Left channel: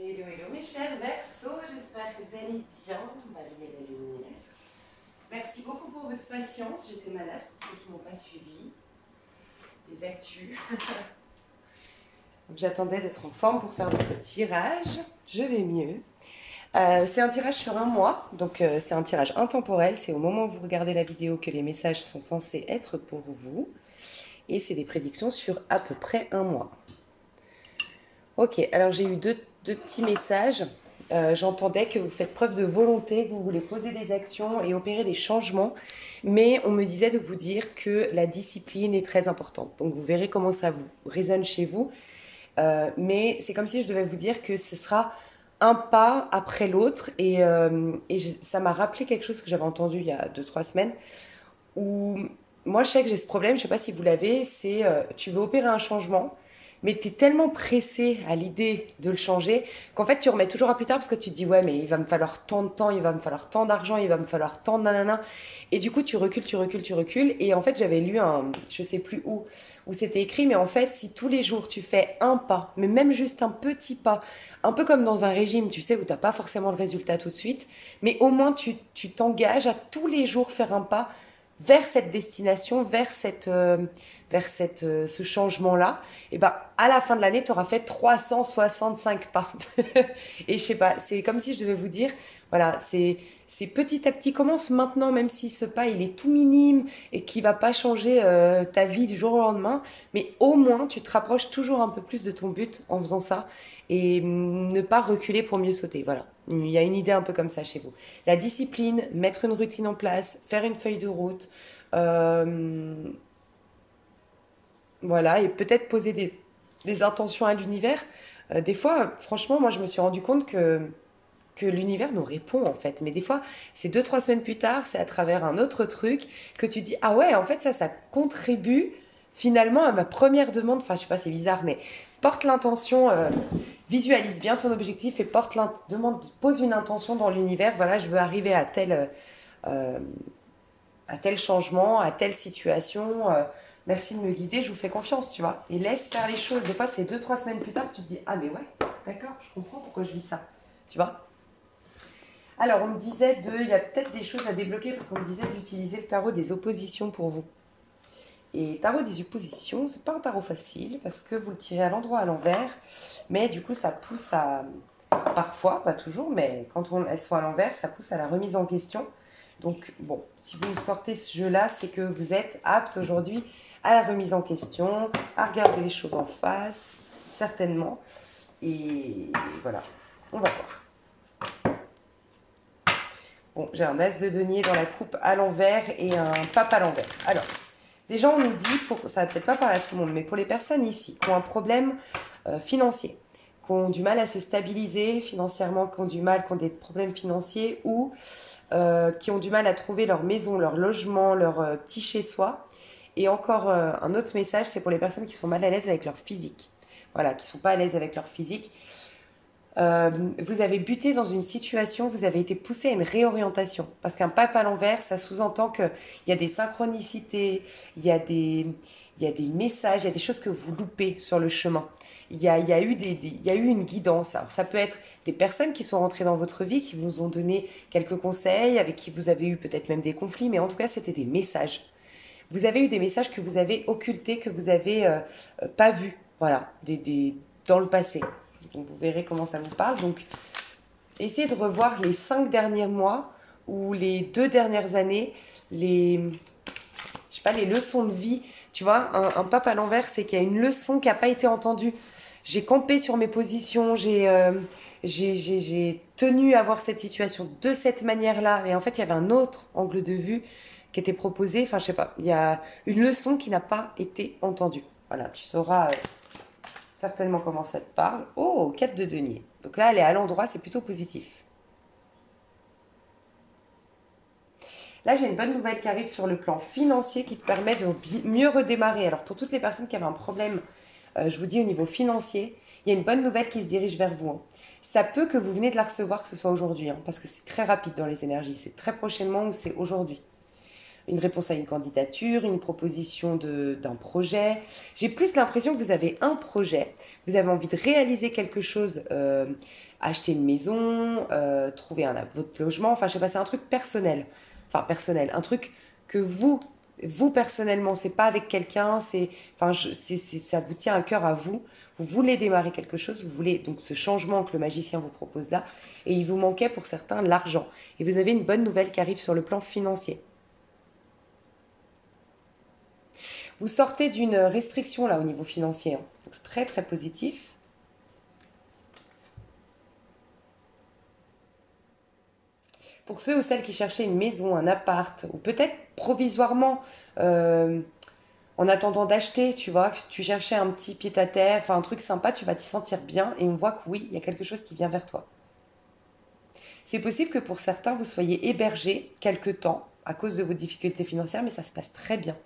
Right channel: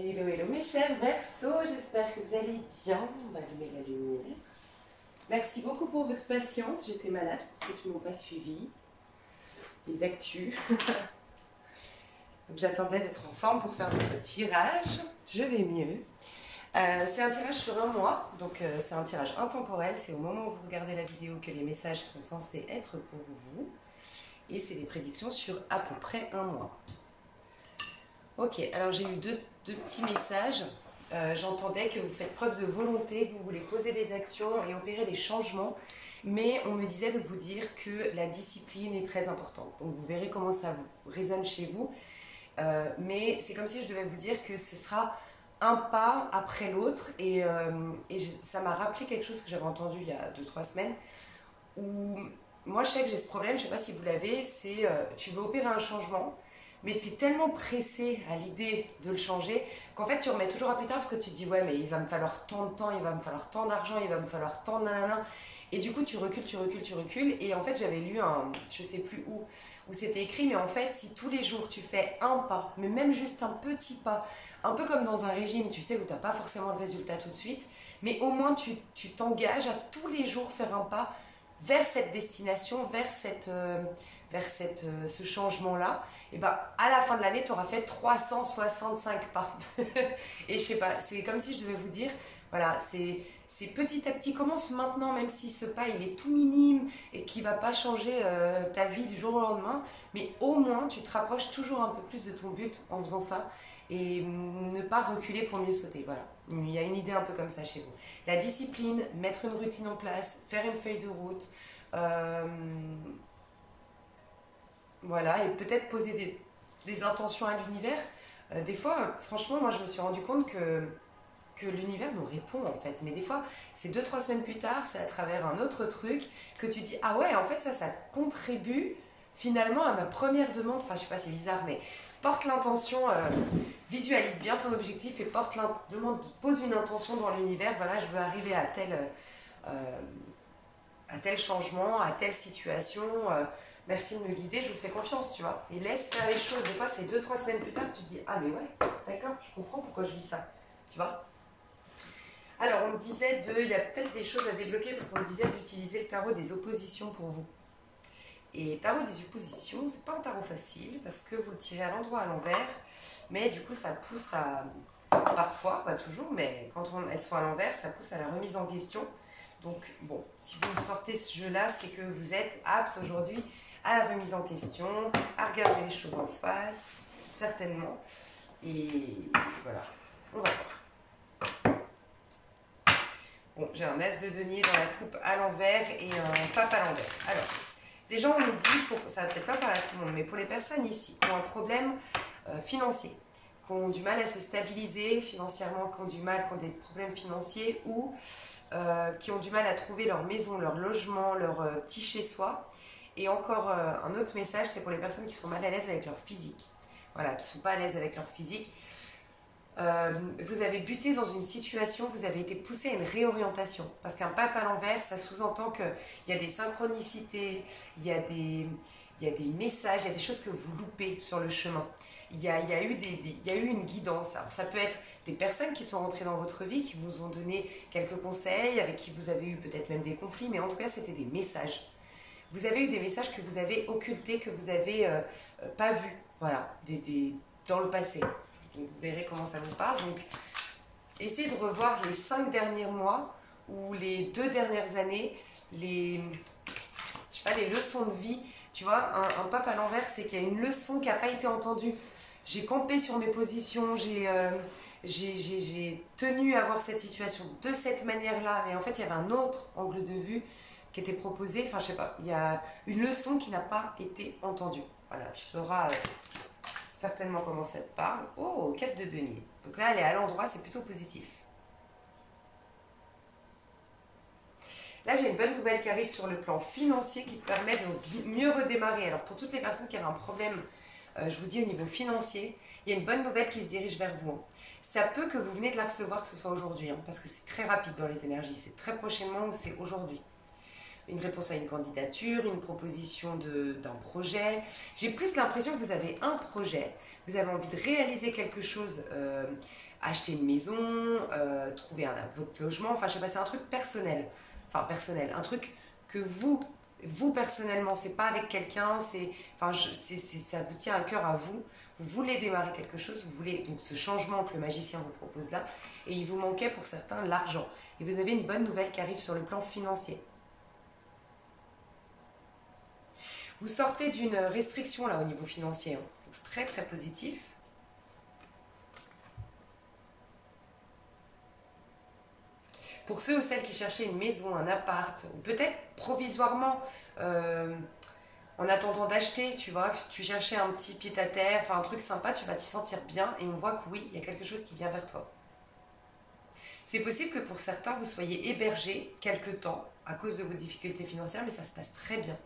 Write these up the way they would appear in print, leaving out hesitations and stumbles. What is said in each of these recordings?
Hello, hello mes chers Verseaux, j'espère que vous allez bien. On va allumer la lumière. Merci beaucoup pour votre patience, j'étais malade pour ceux qui ne m'ont pas suivi. Les actus. J'attendais d'être en forme pour faire notre tirage. Je vais mieux. C'est un tirage sur un mois, donc c'est un tirage intemporel. C'est au moment où vous regardez la vidéo que les messages sont censés être pour vous. Et c'est des prédictions sur à peu près un mois. Ok, alors j'ai eu deux petits messages. J'entendais que vous faites preuve de volonté, que vous voulez poser des actions et opérer des changements. Mais on me disait de vous dire que la discipline est très importante. Donc vous verrez comment ça vous résonne chez vous. Mais c'est comme si je devais vous dire que ce sera un pas après l'autre. Ça m'a rappelé quelque chose que j'avais entendu il y a 2-3 semaines. Où moi je sais que j'ai ce problème, je ne sais pas si vous l'avez, c'est tu veux opérer un changement. Mais tu es tellement pressé à l'idée de le changer qu'en fait tu remets toujours à plus tard parce que tu te dis ouais mais il va me falloir tant de temps, il va me falloir tant d'argent, il va me falloir tant de nanana. Et du coup tu recules, tu recules, tu recules. Et en fait j'avais lu je sais plus où c'était écrit, mais en fait si tous les jours tu fais un pas, mais même juste un petit pas, un peu comme dans un régime, tu sais, où tu n'as pas forcément le résultat tout de suite, mais au moins tu t'engages à tous les jours faire un pas vers cette destination, ce changement-là, et ben à la fin de l'année, tu auras fait 365 pas. Et je sais pas, c'est comme si je devais vous dire, voilà, c'est petit à petit, commence maintenant, même si ce pas il est tout minime et qui va pas changer ta vie du jour au lendemain, mais au moins tu te rapproches toujours un peu plus de ton but en faisant ça et ne pas reculer pour mieux sauter. Voilà, il y a une idée un peu comme ça chez vous. La discipline, mettre une routine en place, faire une feuille de route. Euh, voilà, et peut-être poser des intentions à l'univers. Des fois, franchement, moi, je me suis rendu compte que l'univers nous répond, en fait. Mais des fois, c'est 2-3 semaines plus tard, c'est à travers un autre truc que tu dis, ah ouais, en fait, ça contribue finalement à ma première demande. Enfin, je sais pas, c'est bizarre, mais porte l'intention, visualise bien ton objectif et pose une intention dans l'univers. Voilà, je veux arriver euh, à tel changement, à telle situation. Merci de me guider, je vous fais confiance, tu vois. Et laisse faire les choses. Des fois, c'est 2-3 semaines plus tard que tu te dis, ah mais ouais, d'accord, je comprends pourquoi je vis ça, tu vois. Alors, on me disait il y a peut-être des choses à débloquer parce qu'on me disait d'utiliser le tarot des oppositions pour vous. Et tarot des oppositions, c'est pas un tarot facile parce que vous le tirez à l'endroit à l'envers, mais du coup, ça pousse à, parfois, pas toujours, mais quand elles sont à l'envers, ça pousse à la remise en question. Donc, bon, si vous sortez ce jeu-là, c'est que vous êtes apte aujourd'hui à la remise en question, à regarder les choses en face, certainement. Et voilà, on va voir. Bon, j'ai un as de denier dans la coupe à l'envers et un pape à l'envers. Alors, déjà, on nous dit, ça va peut-être pas parler à tout le monde, mais pour les personnes ici qui ont un problème financier, qui ont du mal à se stabiliser financièrement, qui ont des problèmes financiers ou qui ont du mal à trouver leur maison, leur logement, leur petit chez-soi. Et encore un autre message, c'est pour les personnes qui sont mal à l'aise avec leur physique. Voilà, qui ne sont pas à l'aise avec leur physique. Vous avez buté dans une situation, vous avez été poussé à une réorientation. Parce qu'un pape à l'envers, ça sous-entend qu'il y a des synchronicités, il y a des messages, il y a des choses que vous loupez sur le chemin. Il y a eu une guidance. Alors, ça peut être des personnes qui sont rentrées dans votre vie, qui vous ont donné quelques conseils, avec qui vous avez eu peut-être même des conflits, mais en tout cas, c'était des messages. Vous avez eu des messages que vous avez occultés, que vous n'avez pas vus, voilà, dans le passé. Donc, vous verrez comment ça vous parle. Donc, essayez de revoir les 5 derniers mois ou les 2 dernières années, je sais pas, les leçons de vie. Tu vois, un pape à l'envers, c'est qu'il y a une leçon qui n'a pas été entendue. J'ai campé sur mes positions, j'ai tenu à voir cette situation de cette manière-là. Et en fait, il y avait un autre angle de vue qui était proposé. Enfin, je sais pas, il y a une leçon qui n'a pas été entendue. Voilà, tu sauras certainement comment ça te parle. Oh, 4 de denier. Donc là, elle est à l'endroit, c'est plutôt positif. Là, j'ai une bonne nouvelle qui arrive sur le plan financier qui te permet de mieux redémarrer. Alors, pour toutes les personnes qui avaient un problème, je vous dis au niveau financier, il y a une bonne nouvelle qui se dirige vers vous. Hein. Ça peut que vous venez de la recevoir, que ce soit aujourd'hui, hein, parce que c'est très rapide dans les énergies. C'est très prochainement ou c'est aujourd'hui. une réponse à une candidature, une proposition d'un projet. J'ai plus l'impression que vous avez un projet, vous avez envie de réaliser quelque chose, acheter une maison, trouver votre logement, enfin je sais pas, c'est un truc personnel. Enfin personnel, un truc que vous personnellement, c'est pas avec quelqu'un, ça vous tient à cœur à vous. Vous voulez démarrer quelque chose, vous voulez donc ce changement que le magicien vous propose là, et il vous manquait pour certains l'argent. Et vous avez une bonne nouvelle qui arrive sur le plan financier. Vous sortez d'une restriction là au niveau financier, hein. Donc c'est très très positif. Pour ceux ou celles qui cherchaient une maison, un appart, ou peut-être provisoirement, euh, en attendant d'acheter, tu vois, que tu cherchais un petit pied-à-terre, enfin un truc sympa, tu vas t'y sentir bien et on voit que oui, il y a quelque chose qui vient vers toi. C'est possible que pour certains, vous soyez hébergés quelque temps à cause de vos difficultés financières, mais ça se passe très bien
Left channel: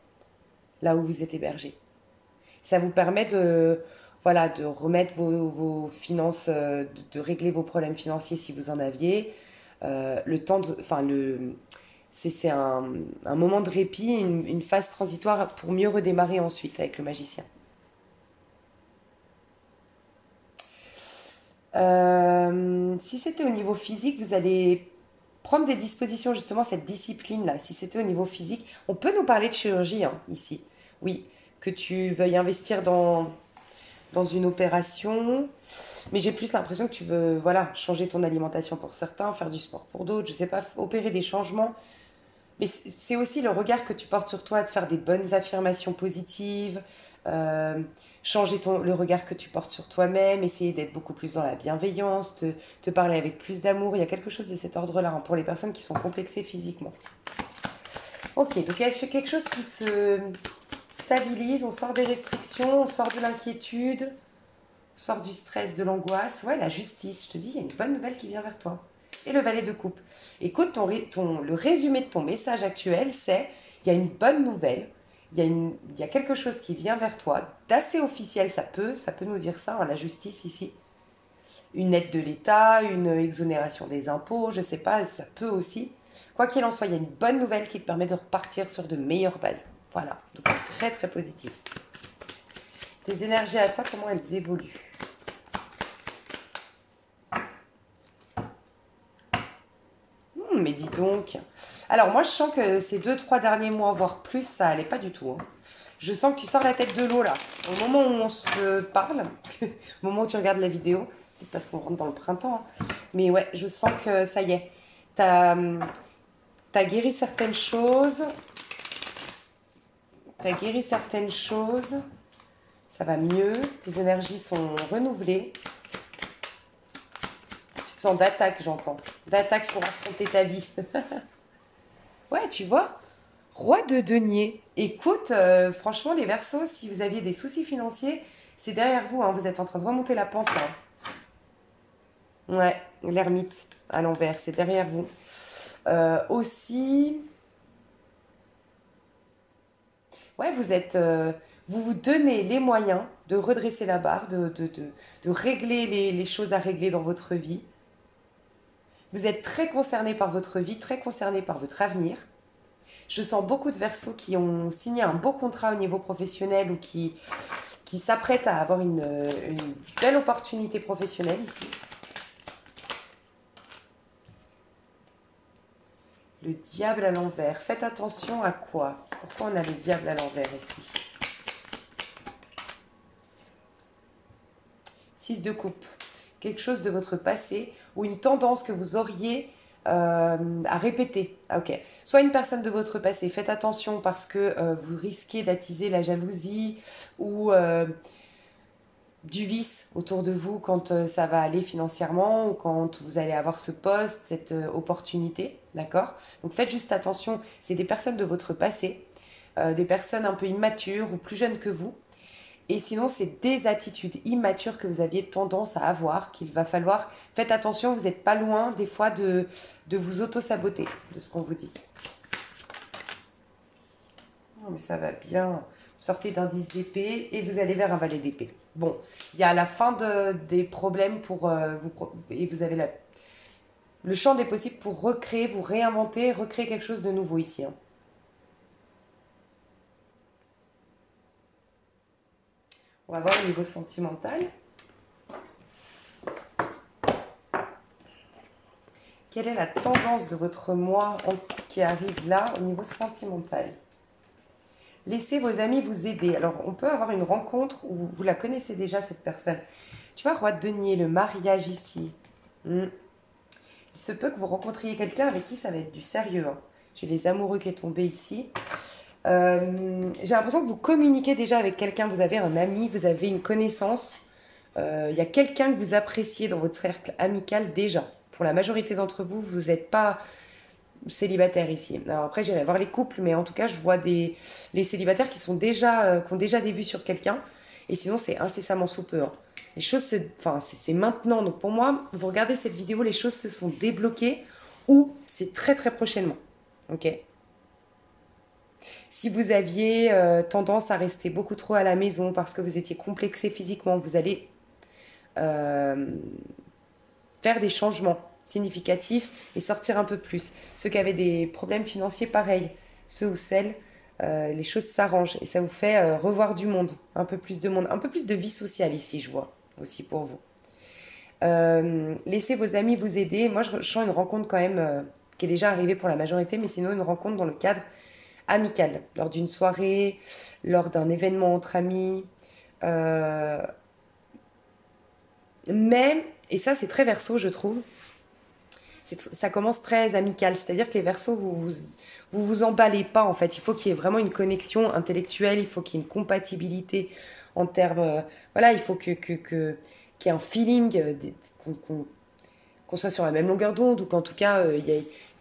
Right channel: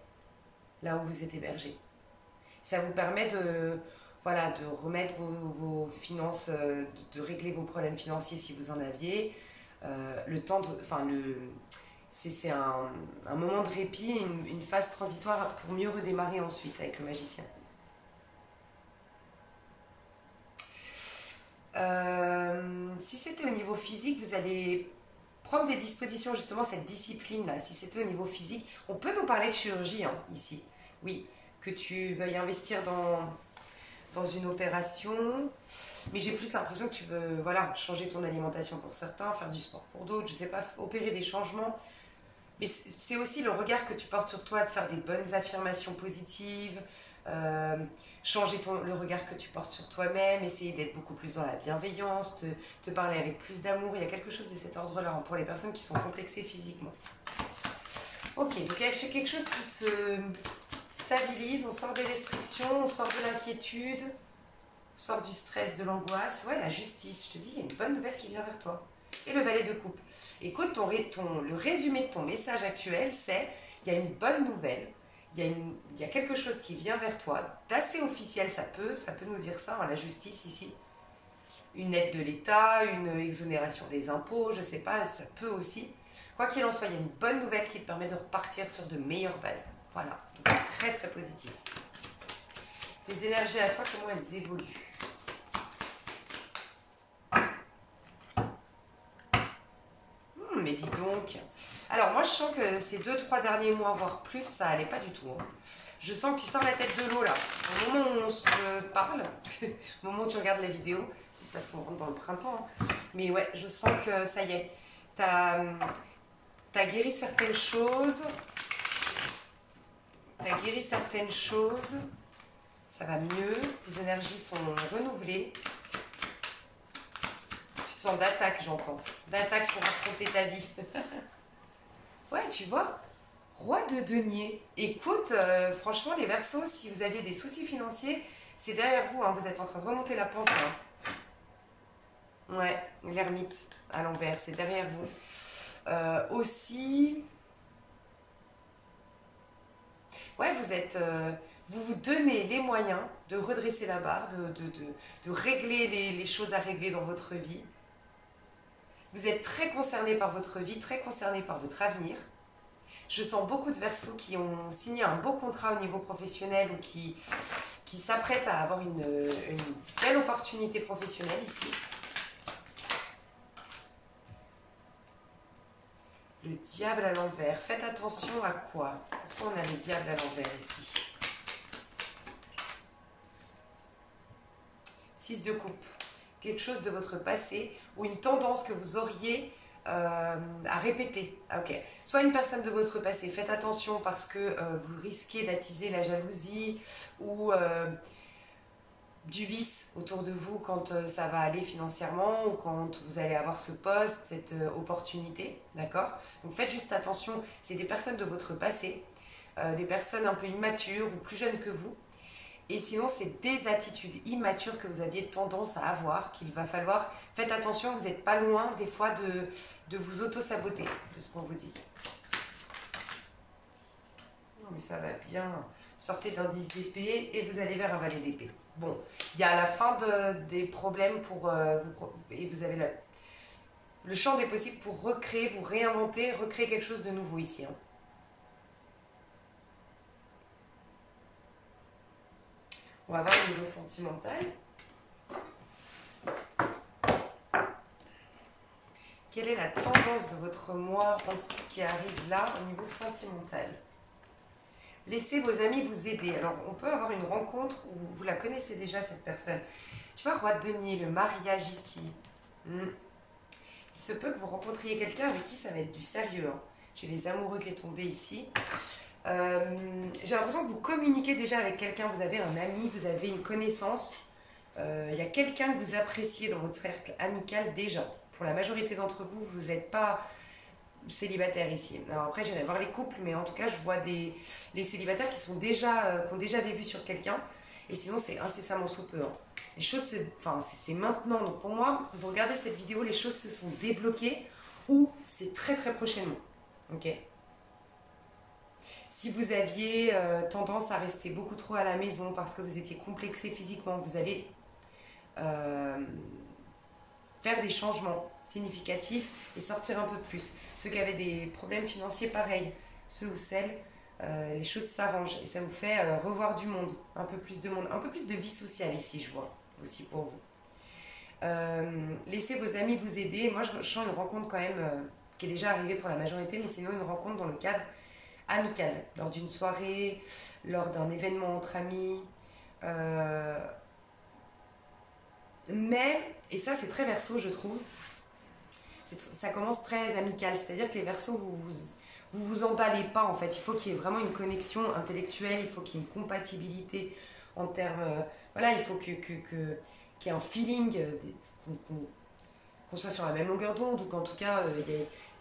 là où vous êtes hébergé. Ça vous permet voilà, de remettre vos finances, de régler vos problèmes financiers si vous en aviez. Le temps de, enfin, c'est un moment de répit, une phase transitoire pour mieux redémarrer ensuite avec le magicien. Si c'était au niveau physique, vous allez prendre des dispositions, justement, cette discipline-là. Si c'était au niveau physique, on peut nous parler de chirurgie, hein, ici. Oui, que tu veuilles investir dans une opération, mais j'ai plus l'impression que tu veux, voilà, changer ton alimentation pour certains, faire du sport pour d'autres, je sais pas, opérer des changements. Mais c'est aussi le regard que tu portes sur toi, de faire des bonnes affirmations positives, euh, changer le regard que tu portes sur toi-même, essayer d'être beaucoup plus dans la bienveillance, te parler avec plus d'amour. Il y a quelque chose de cet ordre-là, hein, pour les personnes qui sont complexées physiquement. Ok, donc il y a quelque chose qui se stabilise, on sort des restrictions, on sort de l'inquiétude, on sort du stress, de l'angoisse. Ouais, la justice, je te dis, il y a une bonne nouvelle qui vient vers toi. Et le valet de coupe. Écoute, le résumé de ton message actuel, c'est il y a une bonne nouvelle, il y a quelque chose qui vient vers toi, d'assez officiel, ça peut nous dire ça, hein, la justice ici. Une aide de l'État, une exonération des impôts, je sais pas, ça peut aussi. Quoi qu'il en soit, il y a une bonne nouvelle qui te permet de repartir sur de meilleures bases. Voilà, donc c'est très très positif. Tes énergies à toi, comment elles évoluent? Mais dis donc. Alors moi je sens que ces 2-3 derniers mois, voire plus, ça allait pas du tout, hein. Je sens que tu sors la tête de l'eau là. Au moment où on se parle, au moment où tu regardes la vidéo, parce qu'on rentre dans le printemps, hein. Mais ouais, je sens que ça y est. T'as guéri certaines choses. T'as guéri certaines choses. Ça va mieux. Tes énergies sont renouvelées. Tu te sens d'attaque, j'entends. D'attaque pour affronter ta vie. Ouais, tu vois. Roi de denier. Écoute, franchement, les Verseaux, si vous aviez des soucis financiers, c'est derrière vous, hein. Vous êtes en train de remonter la pente, là. Ouais, l'ermite à l'envers, c'est derrière vous. Aussi, ouais, vous vous donnez les moyens de redresser la barre, de régler les choses à régler dans votre vie. Vous êtes très concerné par votre vie, très concerné par votre avenir. Je sens beaucoup de Verseaux qui ont signé un beau contrat au niveau professionnel ou qui s'apprêtent à avoir une belle opportunité professionnelle ici. Le diable à l'envers. Faites attention à quoi? Pourquoi on a le diable à l'envers ici? 6 de coupe. Quelque chose de votre passé ou une tendance que vous auriez à répéter. Ah, ok. Soit une personne de votre passé. Faites attention parce que vous risquez d'attiser la jalousie ou du vice autour de vous quand ça va aller financièrement ou quand vous allez avoir ce poste, cette opportunité. D'accord? Donc faites juste attention. C'est des personnes de votre passé, des personnes un peu immatures ou plus jeunes que vous. Et sinon, c'est des attitudes immatures que vous aviez tendance à avoir, qu'il va falloir... Faites attention, vous n'êtes pas loin des fois de vous auto-saboter de ce qu'on vous dit. Oh, mais ça va bien. Vous sortez d'un 10 d'épée et vous allez vers un valet d'épée. Bon, il y a la fin des problèmes pour vous... Et vous avez le champ des possibles pour recréer, vous réinventer, recréer quelque chose de nouveau ici, hein. On va voir au niveau sentimental. Quelle est la tendance de votre mois qui arrive là au niveau sentimental? Laissez vos amis vous aider. Alors, on peut avoir une rencontre où vous la connaissez déjà, cette personne. Tu vois, roi de denier, le mariage ici. Il se peut que vous rencontriez quelqu'un avec qui ça va être du sérieux. Hein. J'ai les amoureux qui est tombé ici. J'ai l'impression que vous communiquez déjà avec quelqu'un. Vous avez un ami, vous avez une connaissance. Il y a quelqu'un que vous appréciez dans votre cercle amical déjà. Pour la majorité d'entre vous, vous n'êtes pas célibataire ici. Alors après, j'irai voir les couples, mais en tout cas, je vois les célibataires qui ont déjà des vues sur quelqu'un. Et sinon, c'est incessamment sous peu. Hein. Les choses c'est maintenant. Donc pour moi, vous regardez cette vidéo, les choses se sont débloquées ou c'est très très prochainement. Ok. Si vous aviez tendance à rester beaucoup trop à la maison parce que vous étiez complexé physiquement, vous allez faire des changements significatifs et sortir un peu plus. Ceux qui avaient des problèmes financiers, pareil. Ceux ou celles, les choses s'arrangent et ça vous fait revoir du monde, un peu plus de monde, un peu plus de vie sociale ici, je vois, aussi pour vous. Laissez vos amis vous aider. Moi, je sens une rencontre quand même qui est déjà arrivée pour la majorité, mais sinon une rencontre dans le cadre amical, lors d'une soirée, lors d'un événement entre amis. Mais, et ça c'est très verso je trouve, ça commence très amical, c'est-à-dire que les versos, vous emballez pas en fait, il faut qu'il y ait vraiment une connexion intellectuelle, il faut qu'il y ait une compatibilité en termes, voilà, il faut qu'il y ait un feeling, qu'on soit sur la même longueur d'onde ou qu'en tout cas,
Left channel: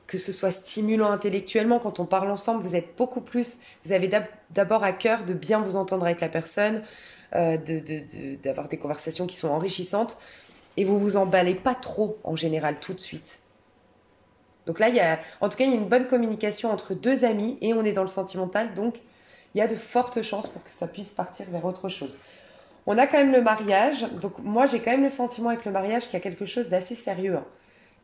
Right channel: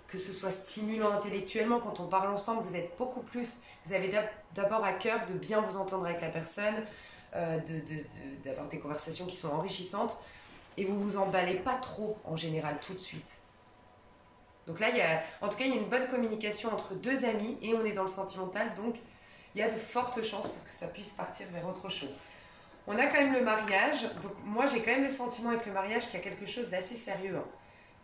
que ce soit stimulant intellectuellement, quand on parle ensemble, vous êtes beaucoup plus, vous avez d'abord à cœur de bien vous entendre avec la personne, d'avoir des conversations qui sont enrichissantes, et vous vous emballez pas trop en général tout de suite. Donc là, en tout cas, il y a une bonne communication entre deux amis et on est dans le sentimental, donc il y a de fortes chances pour que ça puisse partir vers autre chose. On a quand même le mariage, donc moi j'ai quand même le sentiment avec le mariage qu'il y a quelque chose d'assez sérieux hein,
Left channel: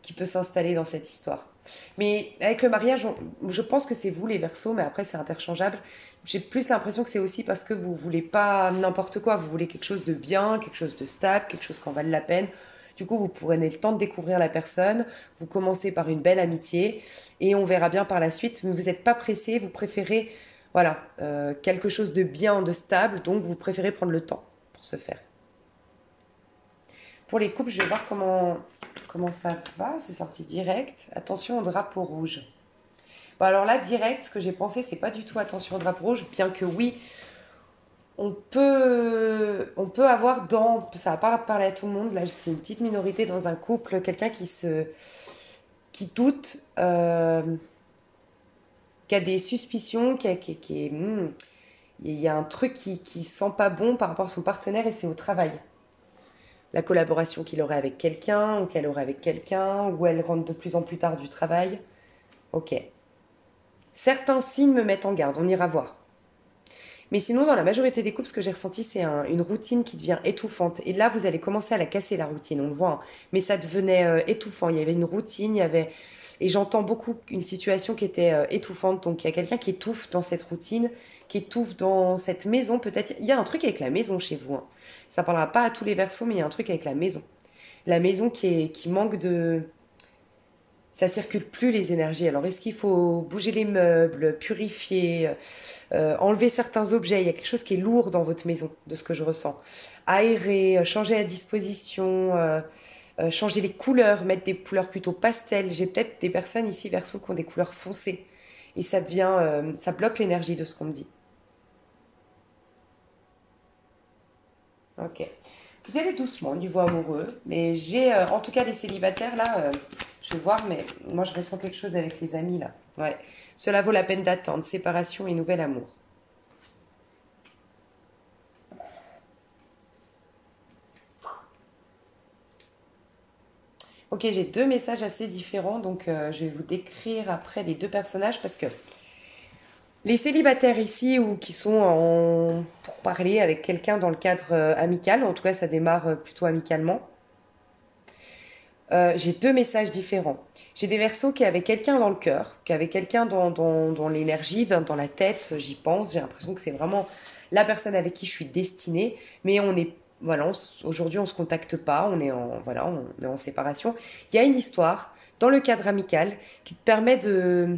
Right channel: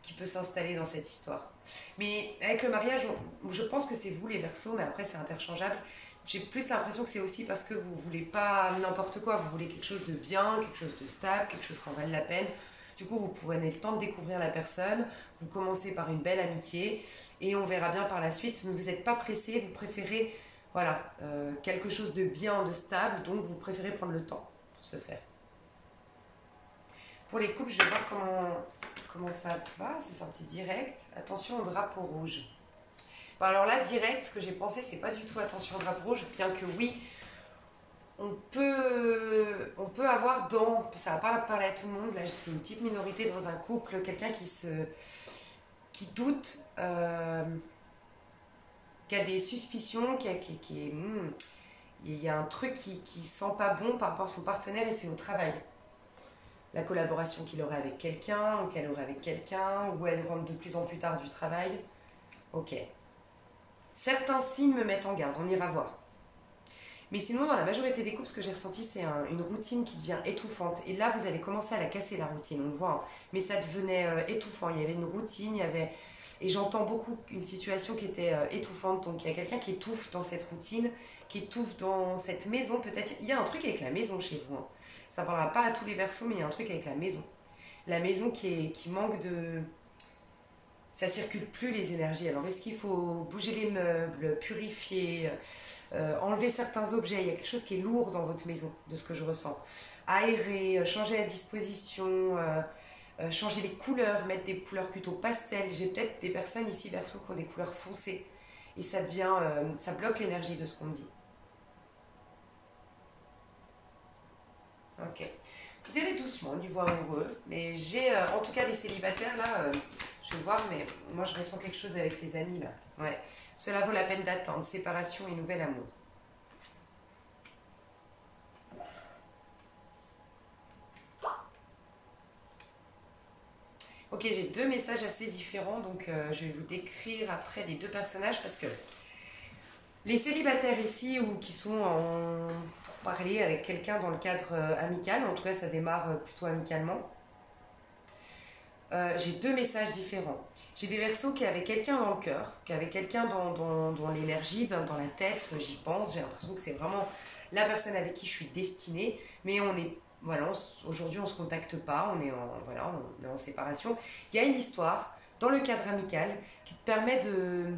qui peut s'installer dans cette histoire. Mais avec le mariage, je pense que c'est vous les Verseaux, mais après c'est interchangeable. J'ai plus l'impression que c'est aussi parce que vous voulez pas n'importe quoi, vous voulez quelque chose de bien, quelque chose de stable, quelque chose qui en vale la peine. Du coup, vous prenez le temps de découvrir la personne, vous commencez par une belle amitié et on verra bien par la suite, mais vous n'êtes pas pressé, vous préférez voilà, quelque chose de bien, de stable, donc vous préférez prendre le temps pour ce faire. Pour les couples, je vais voir comment ça va, c'est sorti direct. Attention au drapeau rouge. Bon alors là, direct, ce que j'ai pensé, c'est pas du tout attention au drapeau rouge, bien que oui, on peut avoir ça va pas parler à tout le monde, là c'est une petite minorité dans un couple, quelqu'un qui doute, qui a des suspicions, il y a un truc qui sent pas bon par rapport à son partenaire et c'est au travail. La collaboration qu'il aurait avec quelqu'un ou qu'elle aurait avec quelqu'un, ou elle rentre de plus en plus tard du travail. Ok. Certains signes me mettent en garde, on ira voir. Mais sinon, dans la majorité des couples, ce que j'ai ressenti, c'est une routine qui devient étouffante. Et là, vous allez commencer à la casser, la routine, on le voit. Hein. Mais ça devenait étouffant. Il y avait une routine, Et j'entends beaucoup une situation qui était étouffante. Donc, il y a quelqu'un qui étouffe dans cette routine, qui étouffe dans cette maison. Peut-être, il y a un truc avec la maison chez vous. Hein. Ça ne parlera pas à tous les Verseaux, mais il y a un truc avec la maison. La maison qui manque de... Ça circule plus les énergies. Alors, est-ce qu'il faut bouger les meubles, purifier, enlever certains objets? Il y a quelque chose qui est lourd dans votre maison, de ce que je ressens. Aérer, changer la disposition, changer les couleurs, mettre des couleurs plutôt pastel. J'ai peut-être des personnes ici, Verseau, qui ont des couleurs foncées. Et ça bloque l'énergie de ce qu'on me dit. Ok. Vous allez doucement au niveau amoureux, mais j'ai, en tout cas les célibataires là, je vais voir, mais moi je ressens quelque chose avec les amis là. Ouais. Cela vaut la peine d'attendre, séparation et nouvel amour. Ok, j'ai deux messages assez différents, donc je vais vous décrire après les deux personnages parce que les célibataires ici ou qui sont pour parler avec quelqu'un dans le cadre amical, en tout cas ça démarre plutôt amicalement. j'ai deux messages différents. J'ai des Verseaux qui avaient quelqu'un dans le cœur, qui avaient quelqu'un dans l'énergie, dans la tête, j'y pense. J'ai l'impression que c'est vraiment la personne avec qui je suis destinée. Mais on est, voilà, aujourd'hui on se contacte pas, on est en, voilà, on est en séparation. Il y a une histoire dans le cadre amical qui te permet de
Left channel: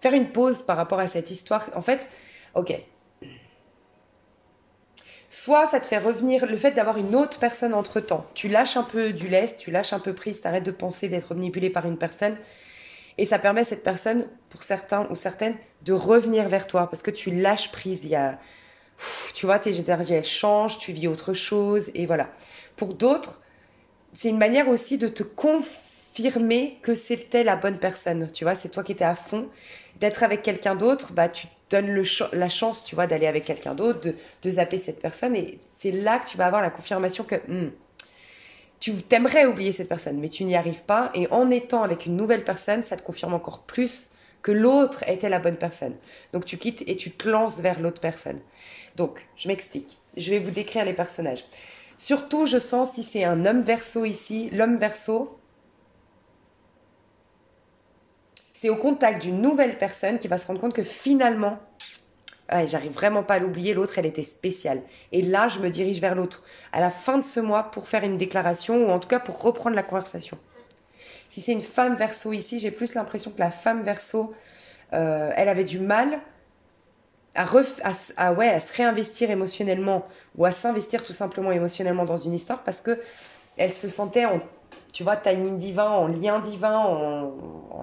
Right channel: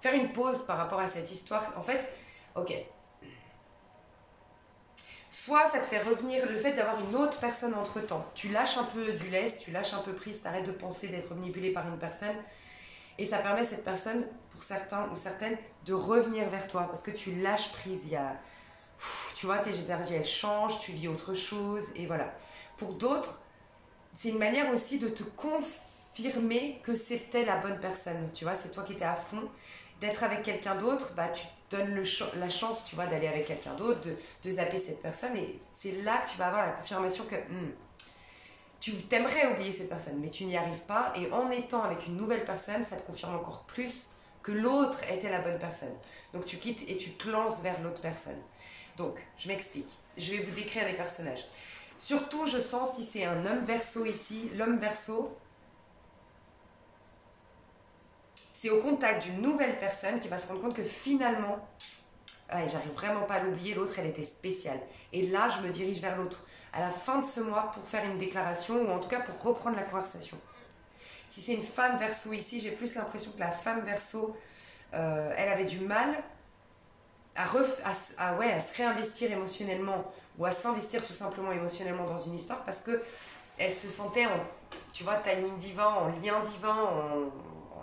faire une pause par rapport à cette histoire. En fait, ok, soit ça te fait revenir le fait d'avoir une autre personne entre-temps. Tu lâches un peu du lest, tu lâches un peu prise, t'arrêtes de penser d'être manipulé par une personne. Et ça permet à cette personne, pour certains ou certaines, de revenir vers toi. Parce que tu lâches prise. Tu vois, tes énergies, elles changent, tu vis autre chose. Et voilà. Pour d'autres, c'est une manière aussi de te confirmer que c'était la bonne personne. Tu vois, c'est toi qui étais à fond. D'être avec quelqu'un d'autre, bah, tu te donnes la chance, tu vois, d'aller avec quelqu'un d'autre, de zapper cette personne. Et c'est là que tu vas avoir la confirmation que tu t'aimerais oublier cette personne, mais tu n'y arrives pas. Et en étant avec une nouvelle personne, ça te confirme encore plus que l'autre était la bonne personne. Donc tu quittes et tu te lances vers l'autre personne. Donc, je m'explique. Je vais vous décrire les personnages. Surtout, je sens si c'est un homme verso ici, l'homme verso, c'est au contact d'une nouvelle personne qui va se rendre compte que finalement, ouais, j'arrive vraiment pas à l'oublier, l'autre, elle était spéciale. Et là, je me dirige vers l'autre à la fin de ce mois pour faire une déclaration ou en tout cas pour reprendre la conversation. Si c'est une femme verso ici, j'ai plus l'impression que la femme verso, elle avait du mal ouais, à se réinvestir émotionnellement ou à s'investir tout simplement émotionnellement dans une histoire parce que elle se sentait en, tu vois, timing divin, en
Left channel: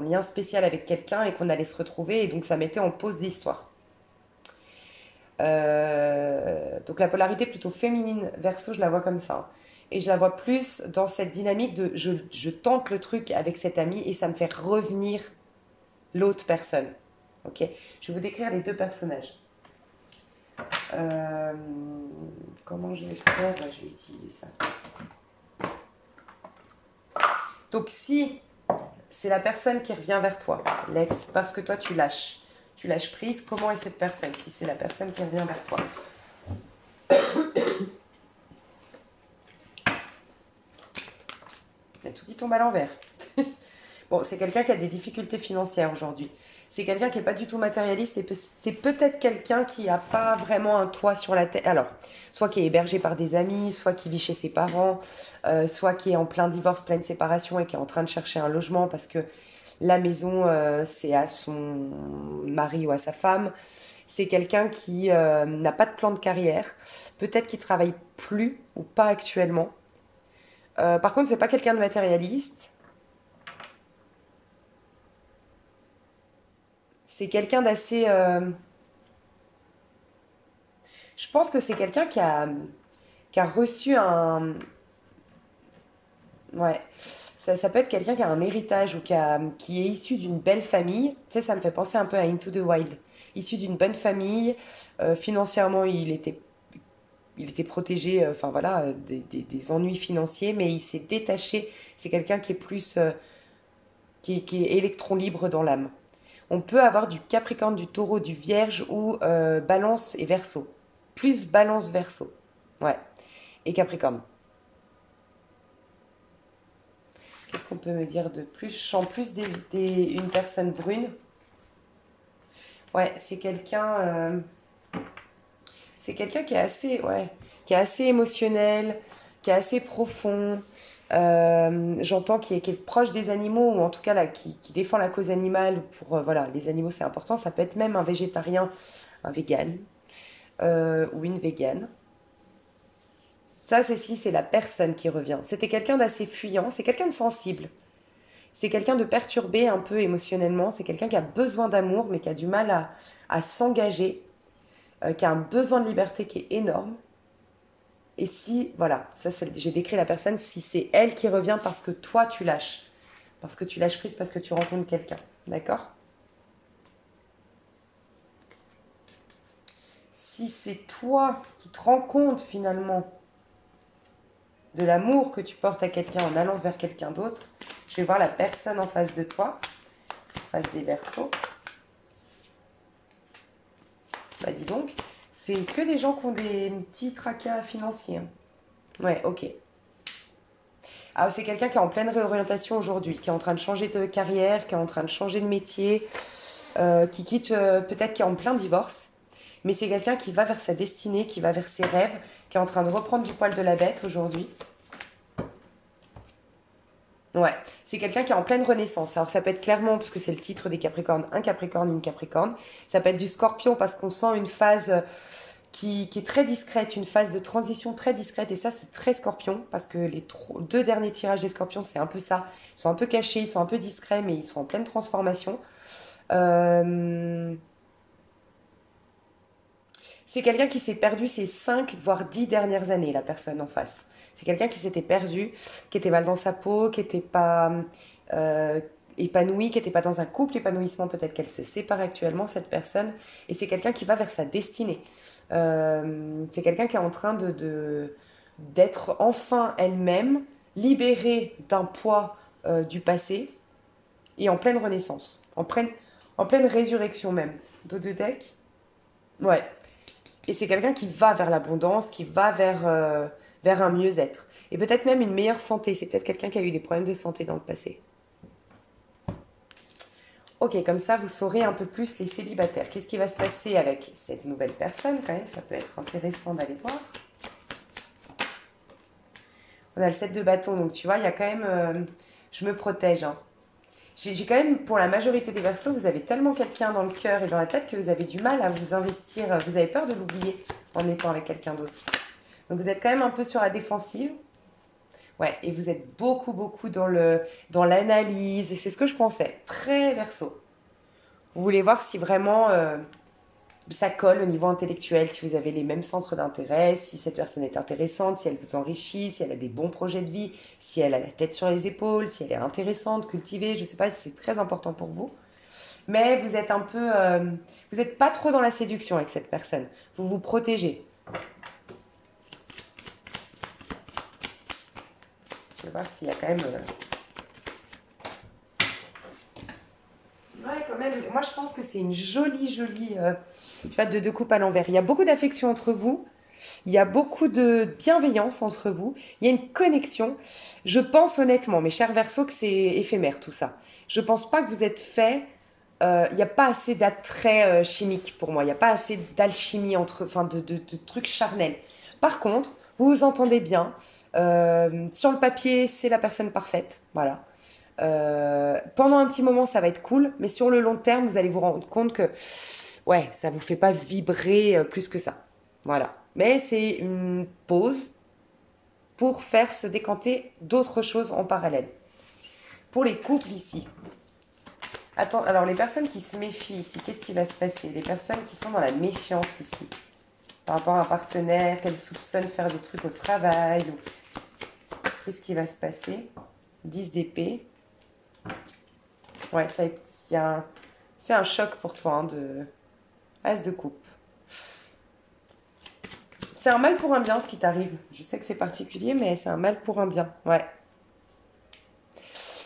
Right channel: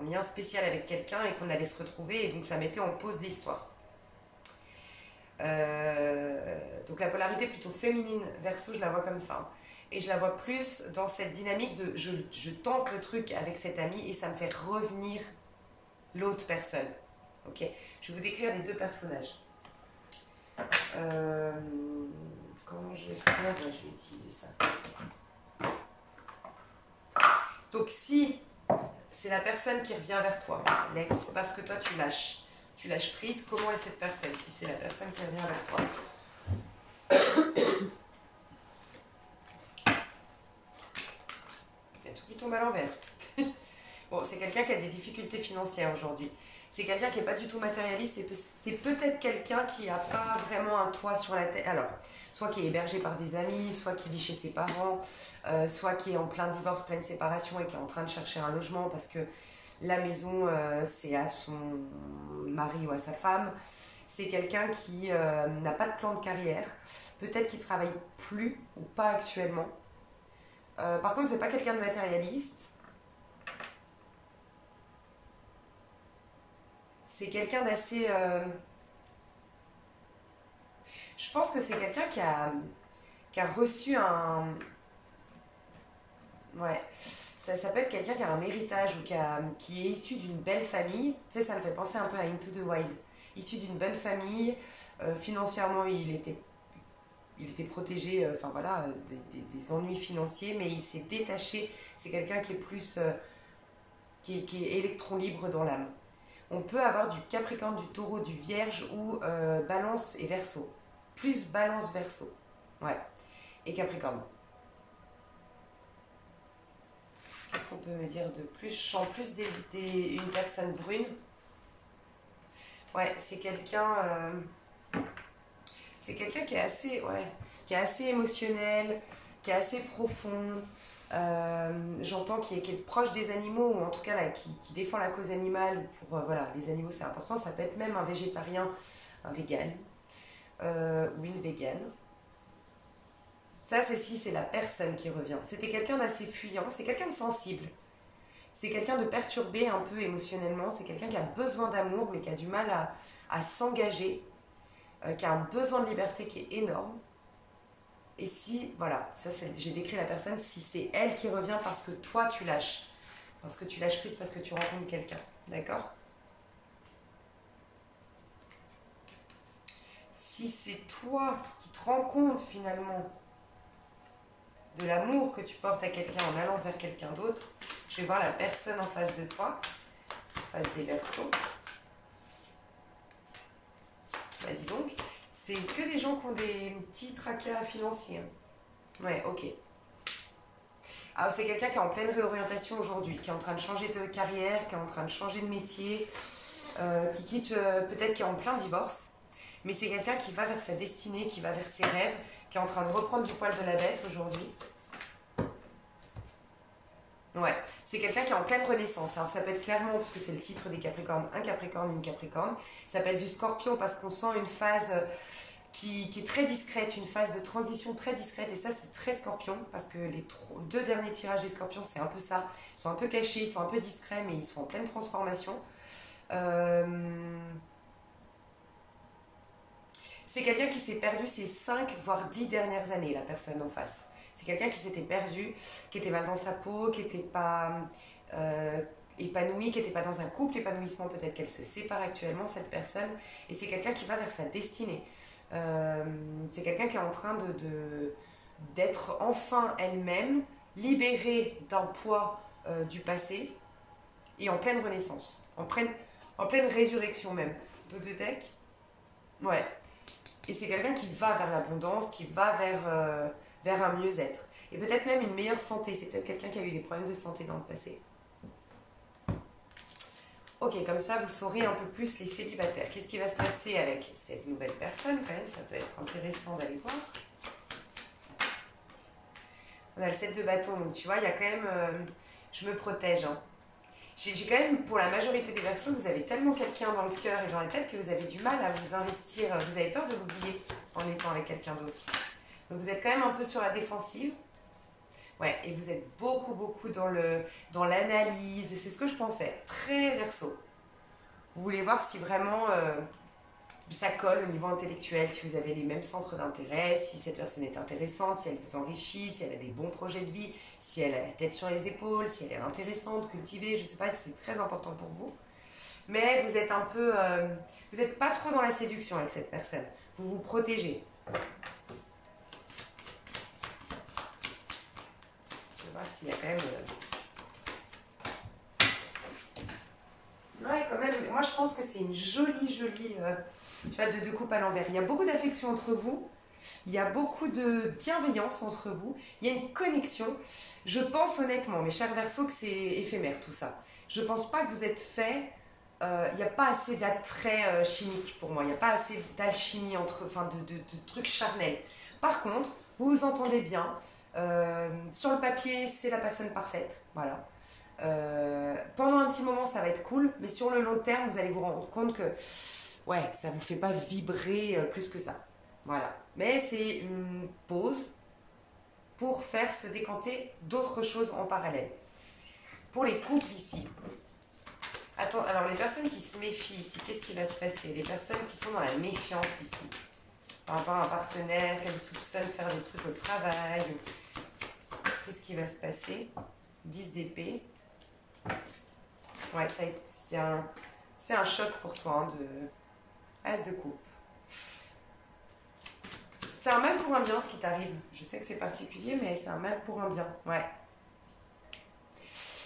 lien spécial avec quelqu'un et qu'on allait se retrouver et donc ça mettait en pause l'histoire. Donc la polarité plutôt féminine verso, je la vois comme ça. Et je la vois plus dans cette dynamique de je tente le truc avec cet ami et ça me fait revenir l'autre personne. Ok. Je vais vous décrire les deux personnages. Euh, Comment je vais faire? Je vais utiliser ça. Donc si c'est la personne qui revient vers toi, l'ex, parce que toi tu lâches prise, comment est cette personne si c'est la personne qui revient vers toi? Il y a tout qui tombe à l'envers. Bon, c'est quelqu'un qui a des difficultés financières aujourd'hui. C'est quelqu'un qui n'est pas du tout matérialiste et c'est peut-être quelqu'un qui n'a pas vraiment un toit sur la tête. Alors, soit qui est hébergé par des amis, soit qui vit chez ses parents, soit qui est en plein divorce, pleine séparation et qui est en train de chercher un logement parce que la maison, c'est à son mari ou à sa femme. C'est quelqu'un qui n'a pas de plan de carrière, peut-être qu'il travaille plus ou pas actuellement. Par contre, c'est pas quelqu'un de matérialiste. C'est quelqu'un d'assez. Je pense que c'est quelqu'un qui a reçu un. Ouais. Ça peut être quelqu'un qui a un héritage ou qui est issu d'une belle famille. Tu sais, ça me fait penser un peu à Into the Wild. Issu d'une bonne famille. Financièrement, il était protégé, enfin voilà, des ennuis financiers, mais il s'est détaché. C'est quelqu'un qui est plus. Qui est électron libre dans l'âme. On peut avoir du Capricorne, du Taureau, du Vierge ou Balance et Verseau. Plus Balance Verseau. Ouais. Et Capricorne. Qu'est-ce qu'on peut me dire de plus? Je sens plus une personne brune. Ouais, c'est quelqu'un. C'est quelqu'un qui est assez, ouais, qui est assez émotionnel, qui est assez profond. J'entends qui est proche des animaux ou en tout cas là, qui défend la cause animale. Pour voilà, les animaux c'est important. Ça peut être même un végétarien, un vegan ou une végane. Ça, c'est la personne qui revient. C'était quelqu'un d'assez fuyant, c'est quelqu'un de sensible. C'est quelqu'un de perturbé un peu émotionnellement. C'est quelqu'un qui a besoin d'amour, mais qui a du mal à s'engager, qui a un besoin de liberté qui est énorme. Et si, voilà, j'ai décrit la personne, si c'est elle qui revient parce que toi tu lâches. Parce que tu lâches prise, parce que tu rencontres quelqu'un. D'accord? Si c'est toi qui te rends compte finalement de l'amour que tu portes à quelqu'un en allant vers quelqu'un d'autre, je vais voir la personne en face de toi, en face des Verseaux. Bah dis donc, c'est que des gens qui ont des petits tracas financiers. Ouais, ok. Ah, c'est quelqu'un qui est en pleine réorientation aujourd'hui, qui est en train de changer de carrière, qui est en train de changer de métier, qui quitte, peut-être qui est en plein divorce, mais c'est quelqu'un qui va vers sa destinée, qui va vers ses rêves, qui est en train de reprendre du poil de la bête aujourd'hui. Ouais, c'est quelqu'un qui est en pleine renaissance. Alors ça peut être clairement, parce que c'est le titre des Capricornes, un Capricorne, une Capricorne. Ça peut être du Scorpion parce qu'on sent une phase qui est très discrète, une phase de transition très discrète. Et ça, c'est très Scorpion parce que les deux derniers tirages des Scorpions, c'est un peu ça. Ils sont un peu cachés, ils sont un peu discrets, mais ils sont en pleine transformation. Euh, C'est quelqu'un qui s'est perdu ces 5 voire 10 dernières années, la personne en face. C'est quelqu'un qui s'était perdu, qui était mal dans sa peau, qui n'était pas euh, épanoui, qui n'était pas dans un couple épanouissement. Peut-être qu'elle se sépare actuellement, cette personne. Et c'est quelqu'un qui va vers sa destinée. C'est quelqu'un qui est en train d'être enfin elle-même, libérée d'un poids du passé et en pleine renaissance, en pleine résurrection même. Dos de deck. Ouais, et c'est quelqu'un qui va vers l'abondance, qui va vers un mieux-être. Et peut-être même une meilleure santé. C'est peut-être quelqu'un qui a eu des problèmes de santé dans le passé. Ok, comme ça, vous saurez un peu plus les célibataires. Qu'est-ce qui va se passer avec cette nouvelle personne quand même? Ça peut être intéressant d'aller voir. On a le 7 de bâton, donc tu vois, il y a quand même... je me protège, hein. J'ai quand même, pour la majorité des personnes, vous avez tellement quelqu'un dans le cœur et dans la tête que vous avez du mal à vous investir. Vous avez peur de l'oublier en étant avec quelqu'un d'autre. Donc vous êtes quand même un peu sur la défensive. Ouais, et vous êtes beaucoup, beaucoup dans l'analyse. Et c'est ce que je pensais. Très verso. Vous voulez voir si vraiment ça colle au niveau intellectuel, si vous avez les mêmes centres d'intérêt, si cette personne est intéressante, si elle vous enrichit, si elle a des bons projets de vie, si elle a la tête sur les épaules, si elle est intéressante, cultivée. Je sais pas si c'est très important pour vous. Mais vous êtes un peu... vous n'êtes pas trop dans la séduction avec cette personne. Vous vous protégez. Je vais voir s'il y a quand même... Ouais, quand même. Moi, je pense que c'est une jolie, jolie... tu vois, de deux coupes à l'envers. Il y a beaucoup d'affection entre vous. Il y a beaucoup de bienveillance entre vous. Il y a une connexion. Je pense honnêtement, mes chers Verseaux, que c'est éphémère tout ça. Je pense pas que vous êtes fait. Il n'y a pas assez d'attrait chimique pour moi. Il n'y a pas assez d'alchimie entre, enfin, de trucs charnels. Par contre, vous vous entendez bien. Sur le papier, c'est la personne parfaite. Voilà. Pendant un petit moment, ça va être cool, mais sur le long terme, vous allez vous rendre compte que, ouais, ça vous fait pas vibrer plus que ça. Voilà. Mais c'est une pause pour faire se décanter d'autres choses en parallèle. Pour les couples ici. Attends, alors les personnes qui se méfient ici, qu'est-ce qui va se passer? Les personnes qui sont dans la méfiance ici, par rapport à un partenaire, qu'elles soupçonnent faire des trucs au travail, qu'est-ce qui va se passer? 10 d'épée. Ouais, c'est un choc pour toi, hein, de As de coupe. C'est un mal pour un bien ce qui t'arrive. Je sais que c'est particulier, mais c'est un mal pour un bien. Ouais.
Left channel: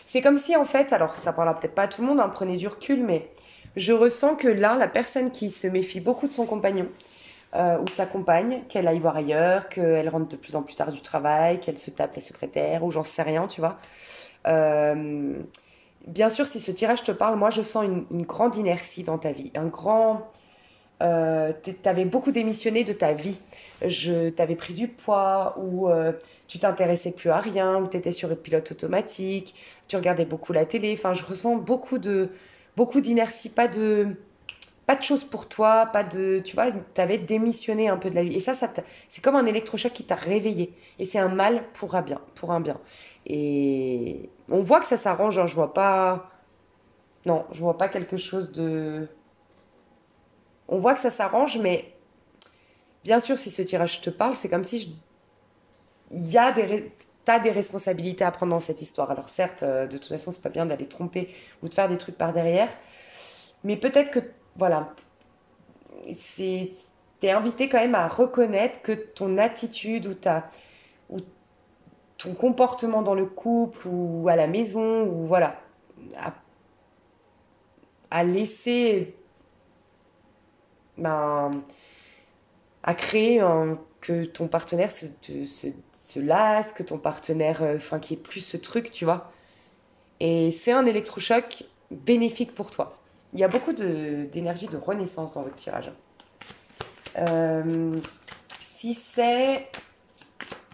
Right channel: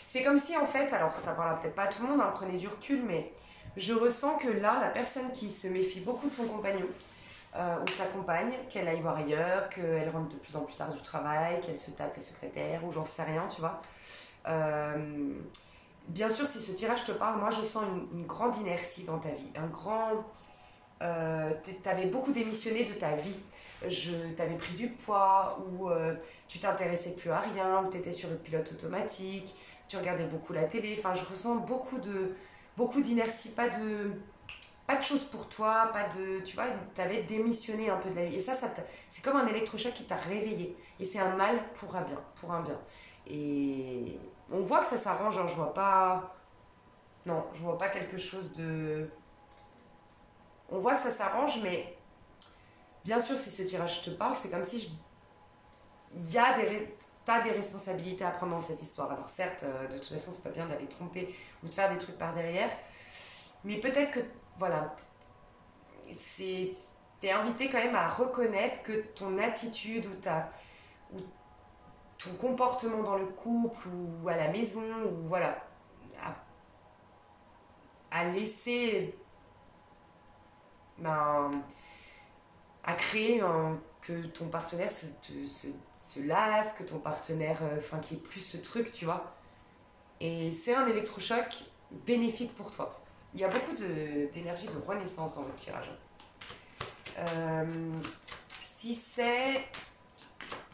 C'est comme si en fait, alors ça parlera peut-être pas à tout le monde, hein, prenez du recul, mais je ressens que là, la personne qui se méfie beaucoup de son compagnon ou de sa compagne, qu'elle aille voir ailleurs, qu'elle rentre de plus en plus tard du travail, qu'elle se tape les secrétaires ou j'en sais rien, tu vois. Euh, Bien sûr, si ce tirage te parle, moi je sens une grande inertie dans ta vie, un grand... t'avais beaucoup démissionné de ta vie. T'avais pris du poids, ou tu t'intéressais plus à rien, ou t'étais sur le pilote automatique, tu regardais beaucoup la télé. Enfin, je ressens beaucoup d'inertie, pas de choses pour toi, pas de, tu vois, t'avais démissionné un peu de la vie. Et c'est comme un électrochoc qui t'a réveillé. Et c'est un mal pour un bien. Et on voit que ça s'arrange, hein, je vois pas, non, je vois pas quelque chose de, on voit que ça s'arrange, mais bien sûr, si ce tirage te parle, c'est comme si il y a t'as des responsabilités à prendre dans cette histoire. Alors certes, de toute façon, c'est pas bien d'aller tromper ou de faire des trucs par derrière, mais peut-être que, voilà, c'est, t'es invité quand même à reconnaître que ton attitude ou ton comportement dans le couple ou à la maison, ou voilà, à, à laisser, ben, à créer que ton partenaire se lasse, que ton partenaire, enfin, qu'il n'y ait plus ce truc, tu vois. Et c'est un électrochoc bénéfique pour toi. Il y a beaucoup d'énergie de renaissance dans votre tirage. Si c'est...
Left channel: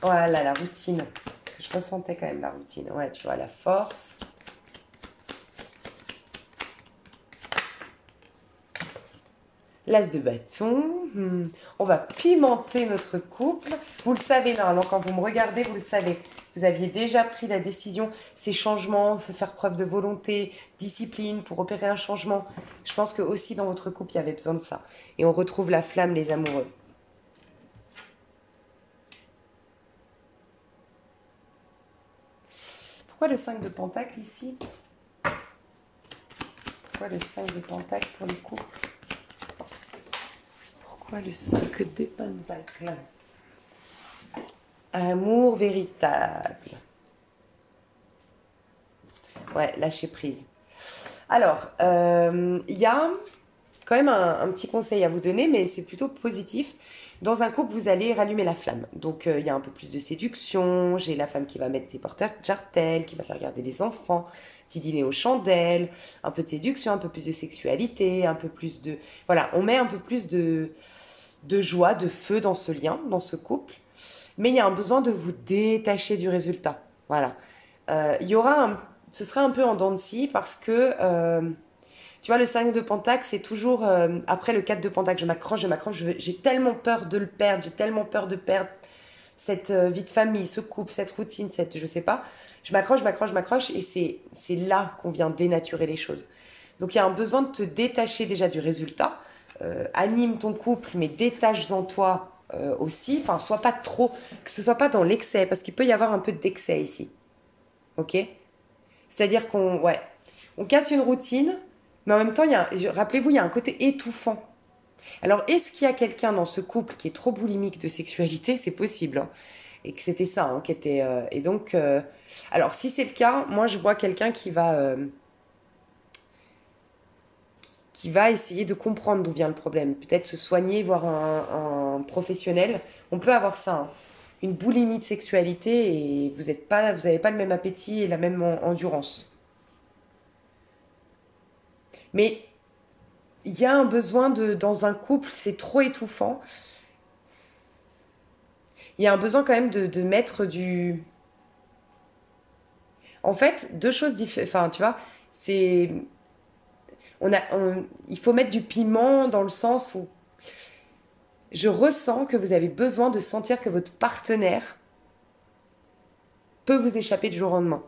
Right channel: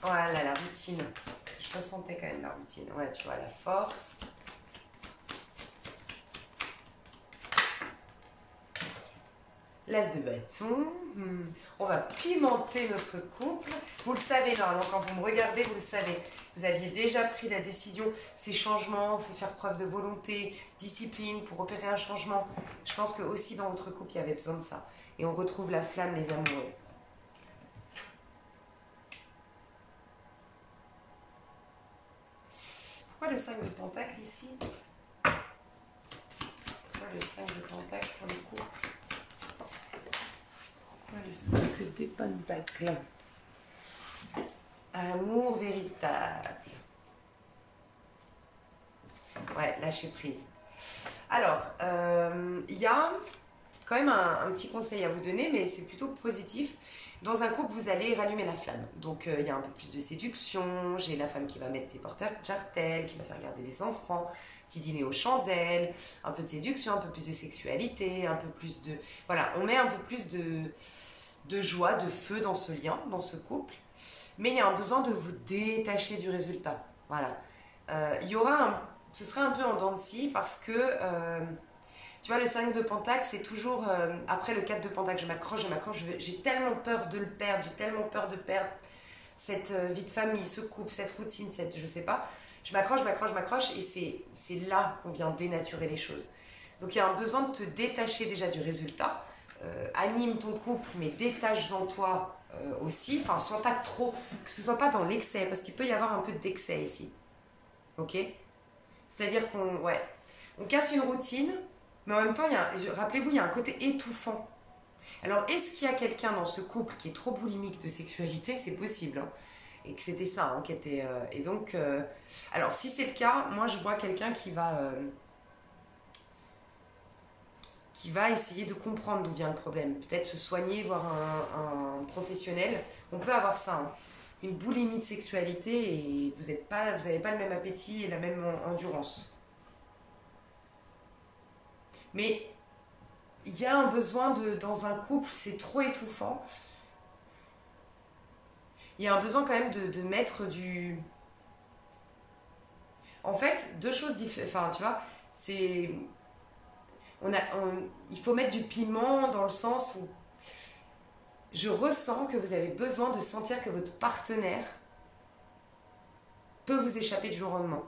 Voilà, la routine. Parce que je ressentais quand même la routine. Ouais, tu vois, la force. L'as de bâton. On va pimenter notre couple. Vous le savez, normalement, quand vous me regardez, vous le savez. Vous aviez déjà pris la décision, ces changements, faire preuve de volonté, discipline pour opérer un changement. Je pense que aussi dans votre couple, il y avait besoin de ça. Et on retrouve la flamme, les amoureux. Pourquoi le 5 de Pentacle ici? Pourquoi le 5 de Pentacle pour le couple? Pourquoi le 5 de Pentacle? Amour véritable. Ouais, lâcher prise. Alors, il y a quand même un petit conseil à vous donner, mais c'est plutôt positif. Dans un couple, vous allez rallumer la flamme. Donc, il y a un peu plus de séduction. J'ai la femme qui va mettre ses porteurs de jartelles, qui va faire garder les enfants, petit dîner aux chandelles, un peu de séduction, un peu plus de sexualité, un peu plus de... Voilà, on met un peu plus de joie, de feu dans ce lien, dans ce couple. Mais il y a un besoin de vous détacher du résultat. Voilà. Il y aura ce sera un peu en dents de scie parce que... tu vois, le 5 de Pentacle, c'est toujours après le 4 de Pentacle. Je m'accroche, j'ai tellement peur de le perdre, j'ai tellement peur de perdre cette vie de famille, ce couple, cette routine, cette je sais pas. Je m'accroche et c'est là qu'on vient dénaturer les choses. Donc il y a un besoin de te détacher déjà du résultat. Anime ton couple, mais détache-en toi aussi. Enfin, sois pas trop, que ce soit pas dans l'excès, parce qu'il peut y avoir un peu d'excès ici. Ok? C'est-à-dire on casse une routine. Mais en même temps, rappelez-vous, il y a un côté étouffant. Alors, est-ce qu'il y a quelqu'un dans ce couple qui est trop boulimique de sexualité? C'est possible. Hein. Et que c'était ça, hein, qui était... et donc, alors, si c'est le cas, moi, je vois quelqu'un qui va essayer de comprendre d'où vient le problème. Peut-être se soigner, voir un professionnel. On peut avoir ça, hein. Une boulimie de sexualité et vous n'avez pas le même appétit et la même endurance. Mais il y a un besoin dans un couple, c'est trop étouffant. Il y a un besoin quand même de mettre du... En fait, deux choses différentes. Enfin, tu vois, c'est... Il faut mettre du piment dans le sens où je ressens que vous avez besoin de sentir que votre partenaire peut vous échapper du jour au lendemain,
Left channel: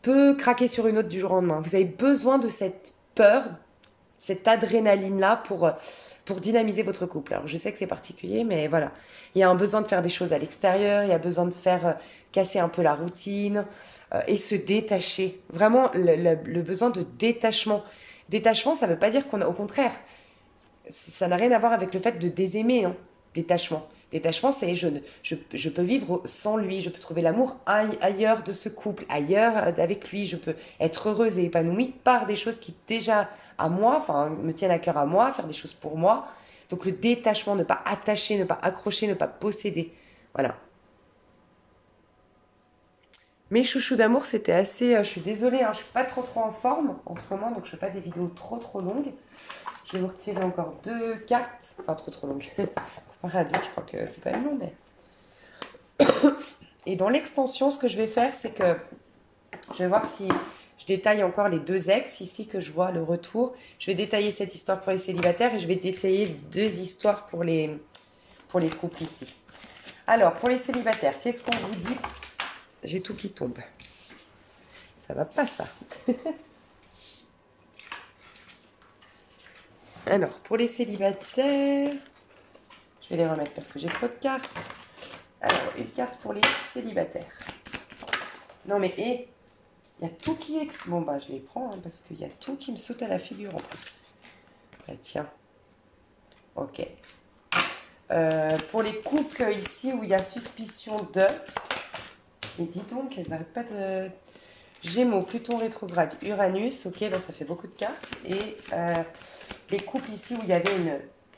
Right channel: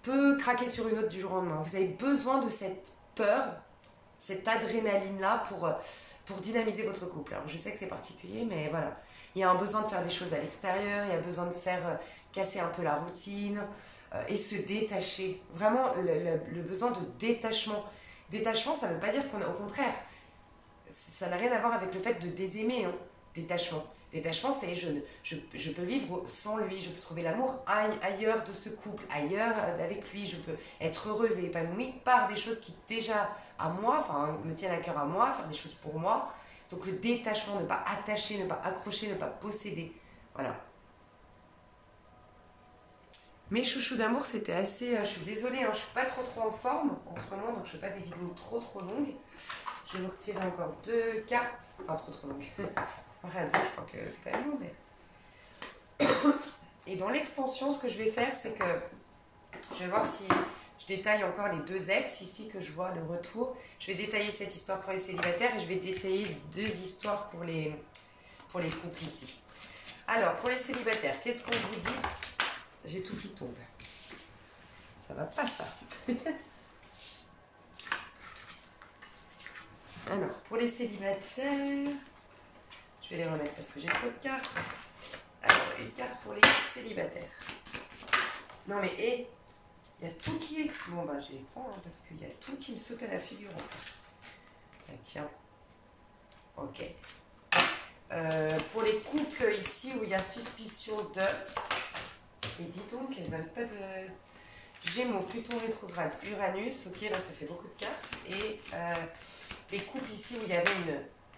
peut craquer sur une autre du jour au lendemain. Vous avez besoin de cette peur, cette adrénaline-là pour dynamiser votre couple. Alors, je sais que c'est particulier, mais voilà. Il y a un besoin de faire des choses à l'extérieur, il y a besoin de faire casser un peu la routine et se détacher. Vraiment, le besoin de détachement. Détachement, ça ne veut pas dire qu'on a... Au contraire, ça n'a rien à voir avec le fait de désaimer, hein. Détachement. Détachement, c'est je peux vivre sans lui, je peux trouver l'amour ailleurs de ce couple, ailleurs avec lui, je peux être heureuse et épanouie par des choses qui déjà à moi, enfin me tiennent à cœur à moi, faire des choses pour moi. Donc le détachement, ne pas attacher, ne pas accrocher, ne pas posséder. Voilà. Mes chouchous d'amour, c'était assez... je suis désolée, hein, je suis pas trop en forme en ce moment, donc je fais pas des vidéos trop longues. Je vais vous retirer encore deux cartes, enfin trop longues. Comparé à deux, je crois que c'est quand même long, mais... Et dans l'extension, ce que je vais faire, c'est que je vais voir si je détaille encore les deux ex, ici que je vois le retour. Je vais détailler cette histoire pour les célibataires et je vais détailler deux histoires pour les couples ici. Alors, pour les célibataires, qu'est-ce qu'on vous dit? J'ai tout qui tombe. Ça va pas, ça. Alors, pour les célibataires, je vais les remettre parce que j'ai trop de cartes. Alors, une carte pour les célibataires. Non, mais il y a tout qui est... Bon, bah, je les prends hein, parce qu'il y a tout qui me saute à la figure en plus. Bah, tiens. Ok. Pour les couples ici où il y a suspicion de... Mais dis donc, elles n'arrêtent pas de... Gémeaux, Pluton rétrograde, Uranus, ok, là ça fait beaucoup de cartes. Et les couples ici où il y avait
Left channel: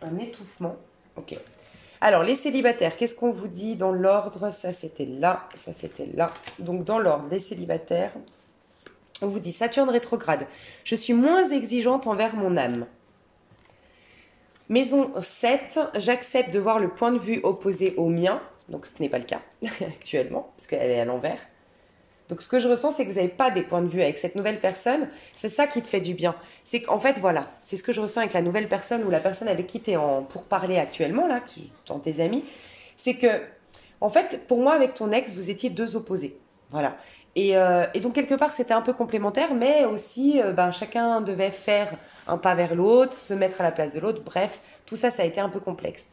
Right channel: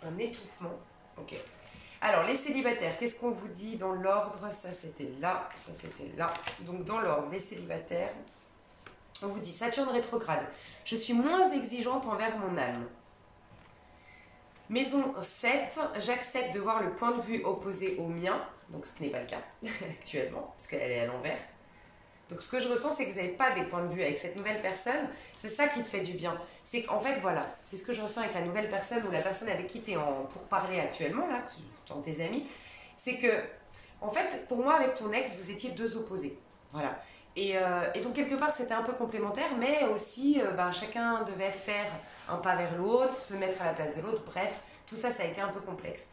un étouffement, ok. Alors, les célibataires, qu'est-ce qu'on vous dit dans l'ordre? Ça, c'était là, ça, c'était là. Donc, dans l'ordre, les célibataires, on vous dit Saturne rétrograde. Je suis moins exigeante envers mon âme. Maison 7, j'accepte de voir le point de vue opposé au mien. Donc, ce n'est pas le cas actuellement, parce qu'elle est à l'envers. Donc, ce que je ressens, c'est que vous n'avez pas des points de vue avec cette nouvelle personne. C'est ça qui te fait du bien. C'est qu'en fait, voilà, c'est ce que je ressens avec la nouvelle personne ou la personne avec qui tu es pour parler actuellement, là, dans tes amis. C'est que, en fait, pour moi, avec ton ex, vous étiez deux opposés. Voilà. Et donc, quelque part, c'était un peu complémentaire, mais aussi, ben, chacun devait faire un pas vers l'autre, se mettre à la place de l'autre. Bref, tout ça, ça a été un peu complexe.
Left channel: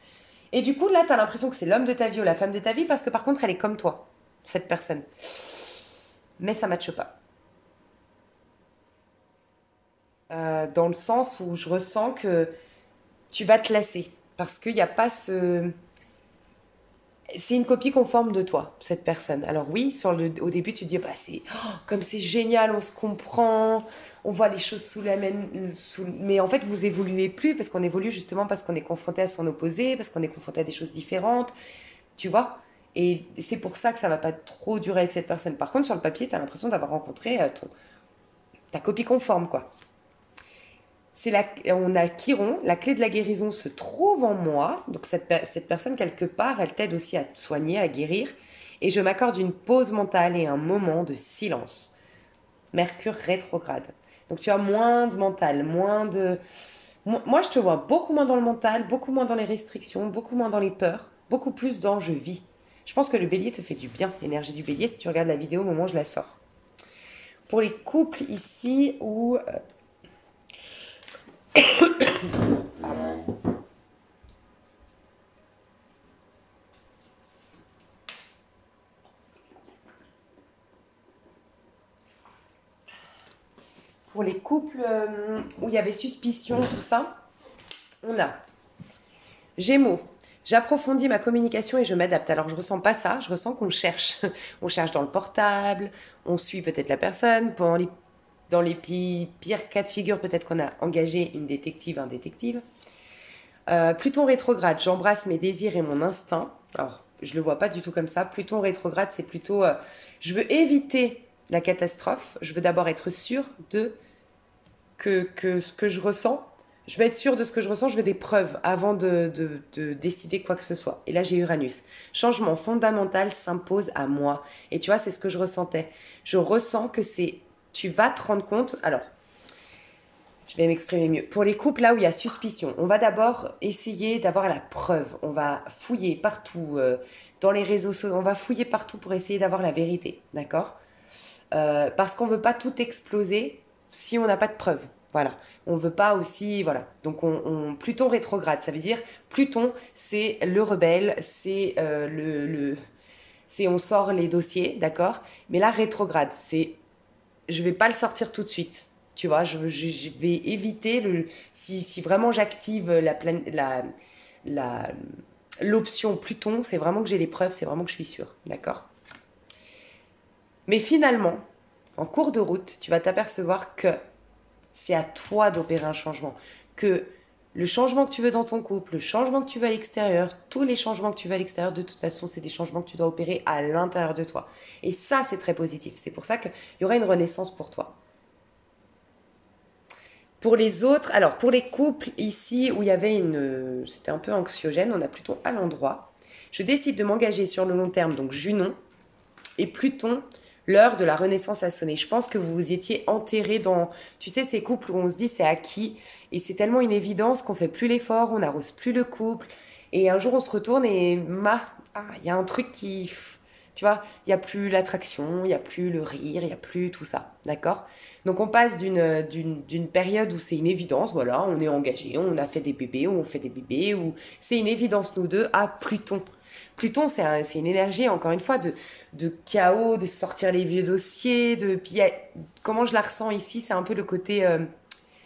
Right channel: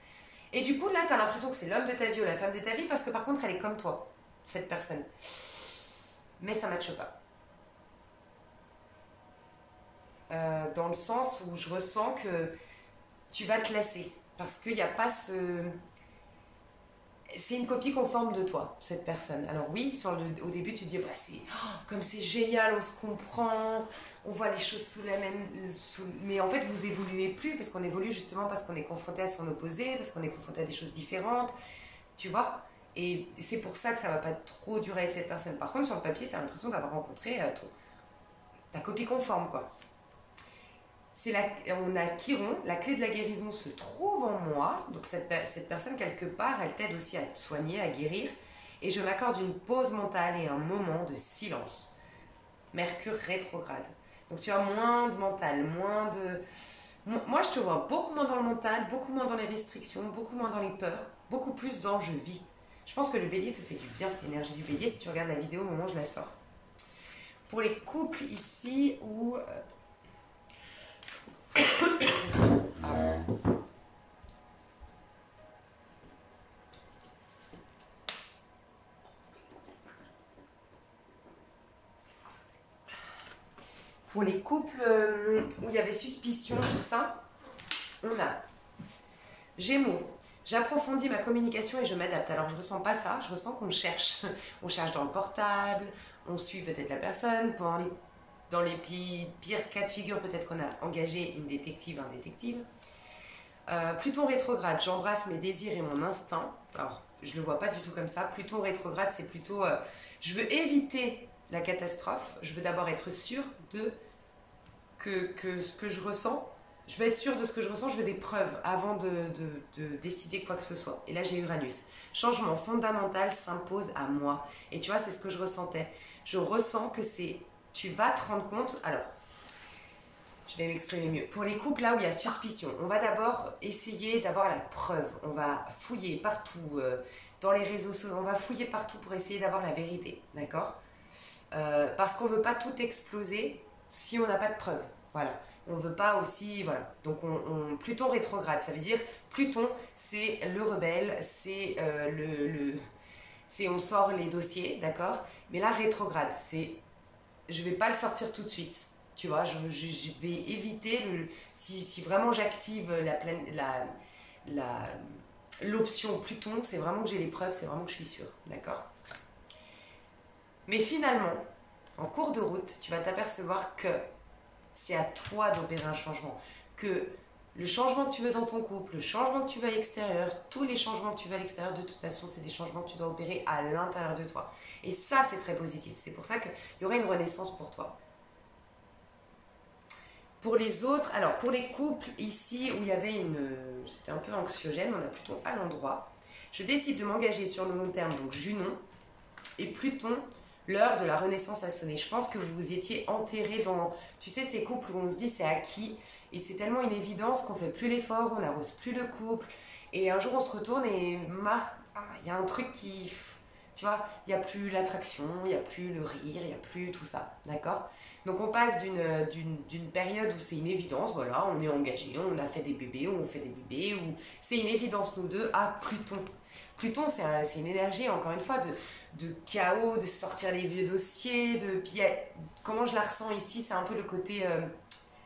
Et du coup, là, tu as l'impression que c'est l'homme de ta vie ou la femme de ta vie parce que, par contre, elle est comme toi, cette personne. Mais ça ne matche pas. Dans le sens où je ressens que tu vas te lasser. Parce qu'il n'y a pas ce... C'est une copie conforme de toi, cette personne. Alors oui, au début, tu te dis, bah, comme c'est génial, on se comprend, on voit les choses sous la même... Mais en fait, vous évoluez plus parce qu'on évolue justement parce qu'on est confronté à son opposé, parce qu'on est confronté à des choses différentes, tu vois. Et c'est pour ça que ça va pas trop durer avec cette personne. Par contre, sur le papier, tu as l'impression d'avoir rencontré ta copie conforme, quoi. On a Chiron, la clé de la guérison se trouve en moi. Donc cette personne, quelque part, elle t'aide aussi à te soigner, à guérir. Et je m'accorde une pause mentale et un moment de silence. Mercure rétrograde. Donc tu as moins de mental, moins de... Moi, je te vois beaucoup moins dans le mental, beaucoup moins dans les restrictions, beaucoup moins dans les peurs, beaucoup plus dans je vis. Je pense que le bélier te fait du bien, l'énergie du bélier, si tu regardes la vidéo au moment où je la sors. Pour les couples ici où pour les couples où il y avait suspicion, tout ça, on a Gémeaux. J'approfondis ma communication et je m'adapte. Alors je ressens pas ça, je ressens qu'on cherche. On cherche dans le portable, on suit peut-être la personne. Dans les pires cas de figure, peut-être qu'on a engagé une détective, un détective. Pluton rétrograde, j'embrasse mes désirs et mon instinct. Alors, je le vois pas du tout comme ça. Pluton rétrograde, c'est plutôt... je veux éviter la catastrophe. Je veux d'abord être sûre que ce que je ressens. Je veux être sûre de ce que je ressens. Je veux des preuves avant de décider quoi que ce soit. Et là, j'ai Uranus. Changement fondamental s'impose à moi. Et tu vois, c'est ce que je ressentais. Je ressens que c'est... Tu vas te rendre compte... Alors, je vais m'exprimer mieux. Pour les couples là où il y a suspicion, on va d'abord essayer d'avoir la preuve. On va fouiller partout, dans les réseaux sociaux, on va fouiller partout pour essayer d'avoir la vérité, d'accord? Parce qu'on ne veut pas tout exploser si on n'a pas de preuve. Voilà. On ne veut pas aussi, voilà. Donc Pluton rétrograde, ça veut dire Pluton, c'est le rebelle, c'est c'est on sort les dossiers, d'accord? Mais là rétrograde, c'est je vais pas le sortir tout de suite. Tu vois, je vais éviter si vraiment j'active la, l'option Pluton, c'est vraiment que j'ai les preuves, c'est vraiment que je suis sûre, d'accord? Mais finalement, en cours de route, tu vas t'apercevoir que c'est à toi d'opérer un changement, que le changement que tu veux dans ton couple, le changement que tu veux à l'extérieur, tous les changements que tu veux à l'extérieur, de toute façon, c'est des changements que tu dois opérer à l'intérieur de toi. Et ça, c'est très positif. C'est pour ça qu'il y aura une renaissance pour toi. Pour les autres, alors pour les couples ici où il y avait c'était un peu anxiogène, on a Pluton à l'endroit. Je décide de m'engager sur le long terme, donc Junon et Pluton, l'heure de la renaissance a sonné. Je pense que vous vous étiez enterré dans, tu sais, ces couples où on se dit c'est acquis et c'est tellement une évidence qu'on fait plus l'effort, on n'arrose plus le couple et un jour on se retourne et il y a un truc qui, tu vois, il n'y a plus l'attraction, il n'y a plus le rire, il n'y a plus tout ça, d'accord? Donc on passe d'une période où c'est une évidence, voilà, on est engagé, on a fait des bébés, ou on fait des bébés, ou c'est une évidence nous deux, à Pluton. Pluton, c'est une énergie, encore une fois, de chaos, de sortir les vieux dossiers, comment je la ressens ici, c'est un peu le côté,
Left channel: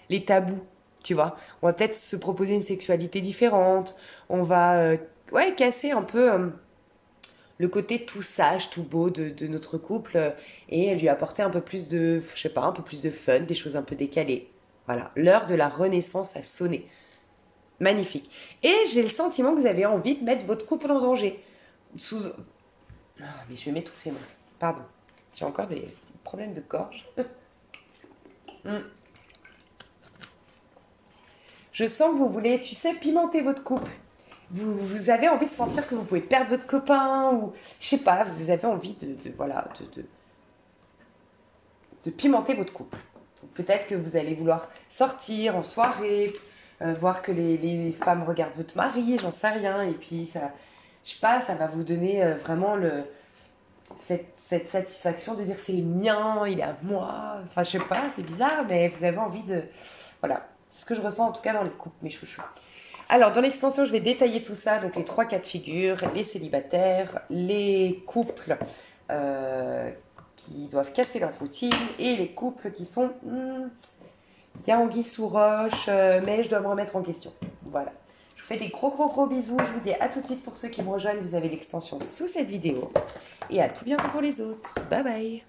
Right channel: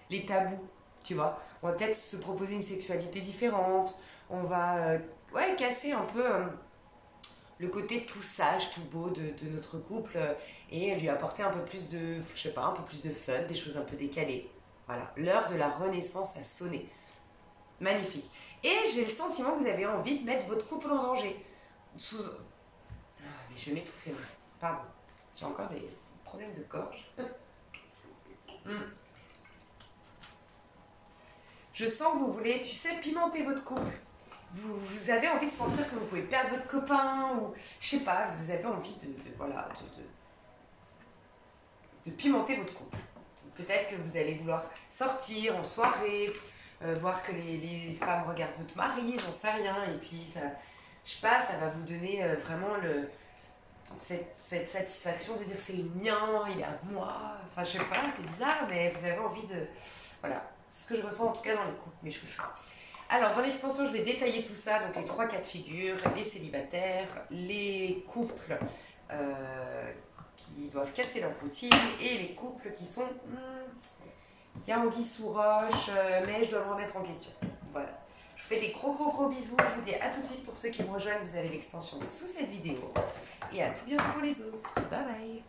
les tabous, tu vois. On va peut-être se proposer une sexualité différente, on va, ouais, casser un peu le côté tout sage, tout beau de notre couple et lui apporter un peu plus de, je sais pas, un peu plus de fun, des choses un peu décalées. Voilà, l'heure de la renaissance a sonné. Magnifique. Et j'ai le sentiment que vous avez envie de mettre votre couple en danger. Sous... Ah, mais je vais m'étouffer, moi. Pardon. J'ai encore des problèmes de gorge. Je sens que vous voulez, tu sais, pimenter votre couple. Vous avez envie de sentir que vous pouvez perdre votre copain ou, je sais pas, vous avez envie voilà, de pimenter votre couple. Peut-être que vous allez vouloir sortir en soirée, voir que les femmes regardent votre mari, j'en sais rien, et puis ça, je sais pas, ça va vous donner vraiment cette satisfaction de dire c'est le mien, il est à moi, enfin je sais pas, c'est bizarre, mais vous avez envie de... Voilà, c'est ce que je ressens en tout cas dans les couples, mes chouchous. Alors, dans l'extension, je vais détailler tout ça, donc les 3 cas de figure, les célibataires, les couples qui doivent casser leur routine et les couples qui sont il y a anguille sous roche, mais je dois me remettre en question. Voilà. Je vous fais des gros bisous. Je vous dis à tout de suite pour ceux qui me rejoignent. Vous avez l'extension sous cette vidéo. Et à tout bientôt pour les autres. Bye bye.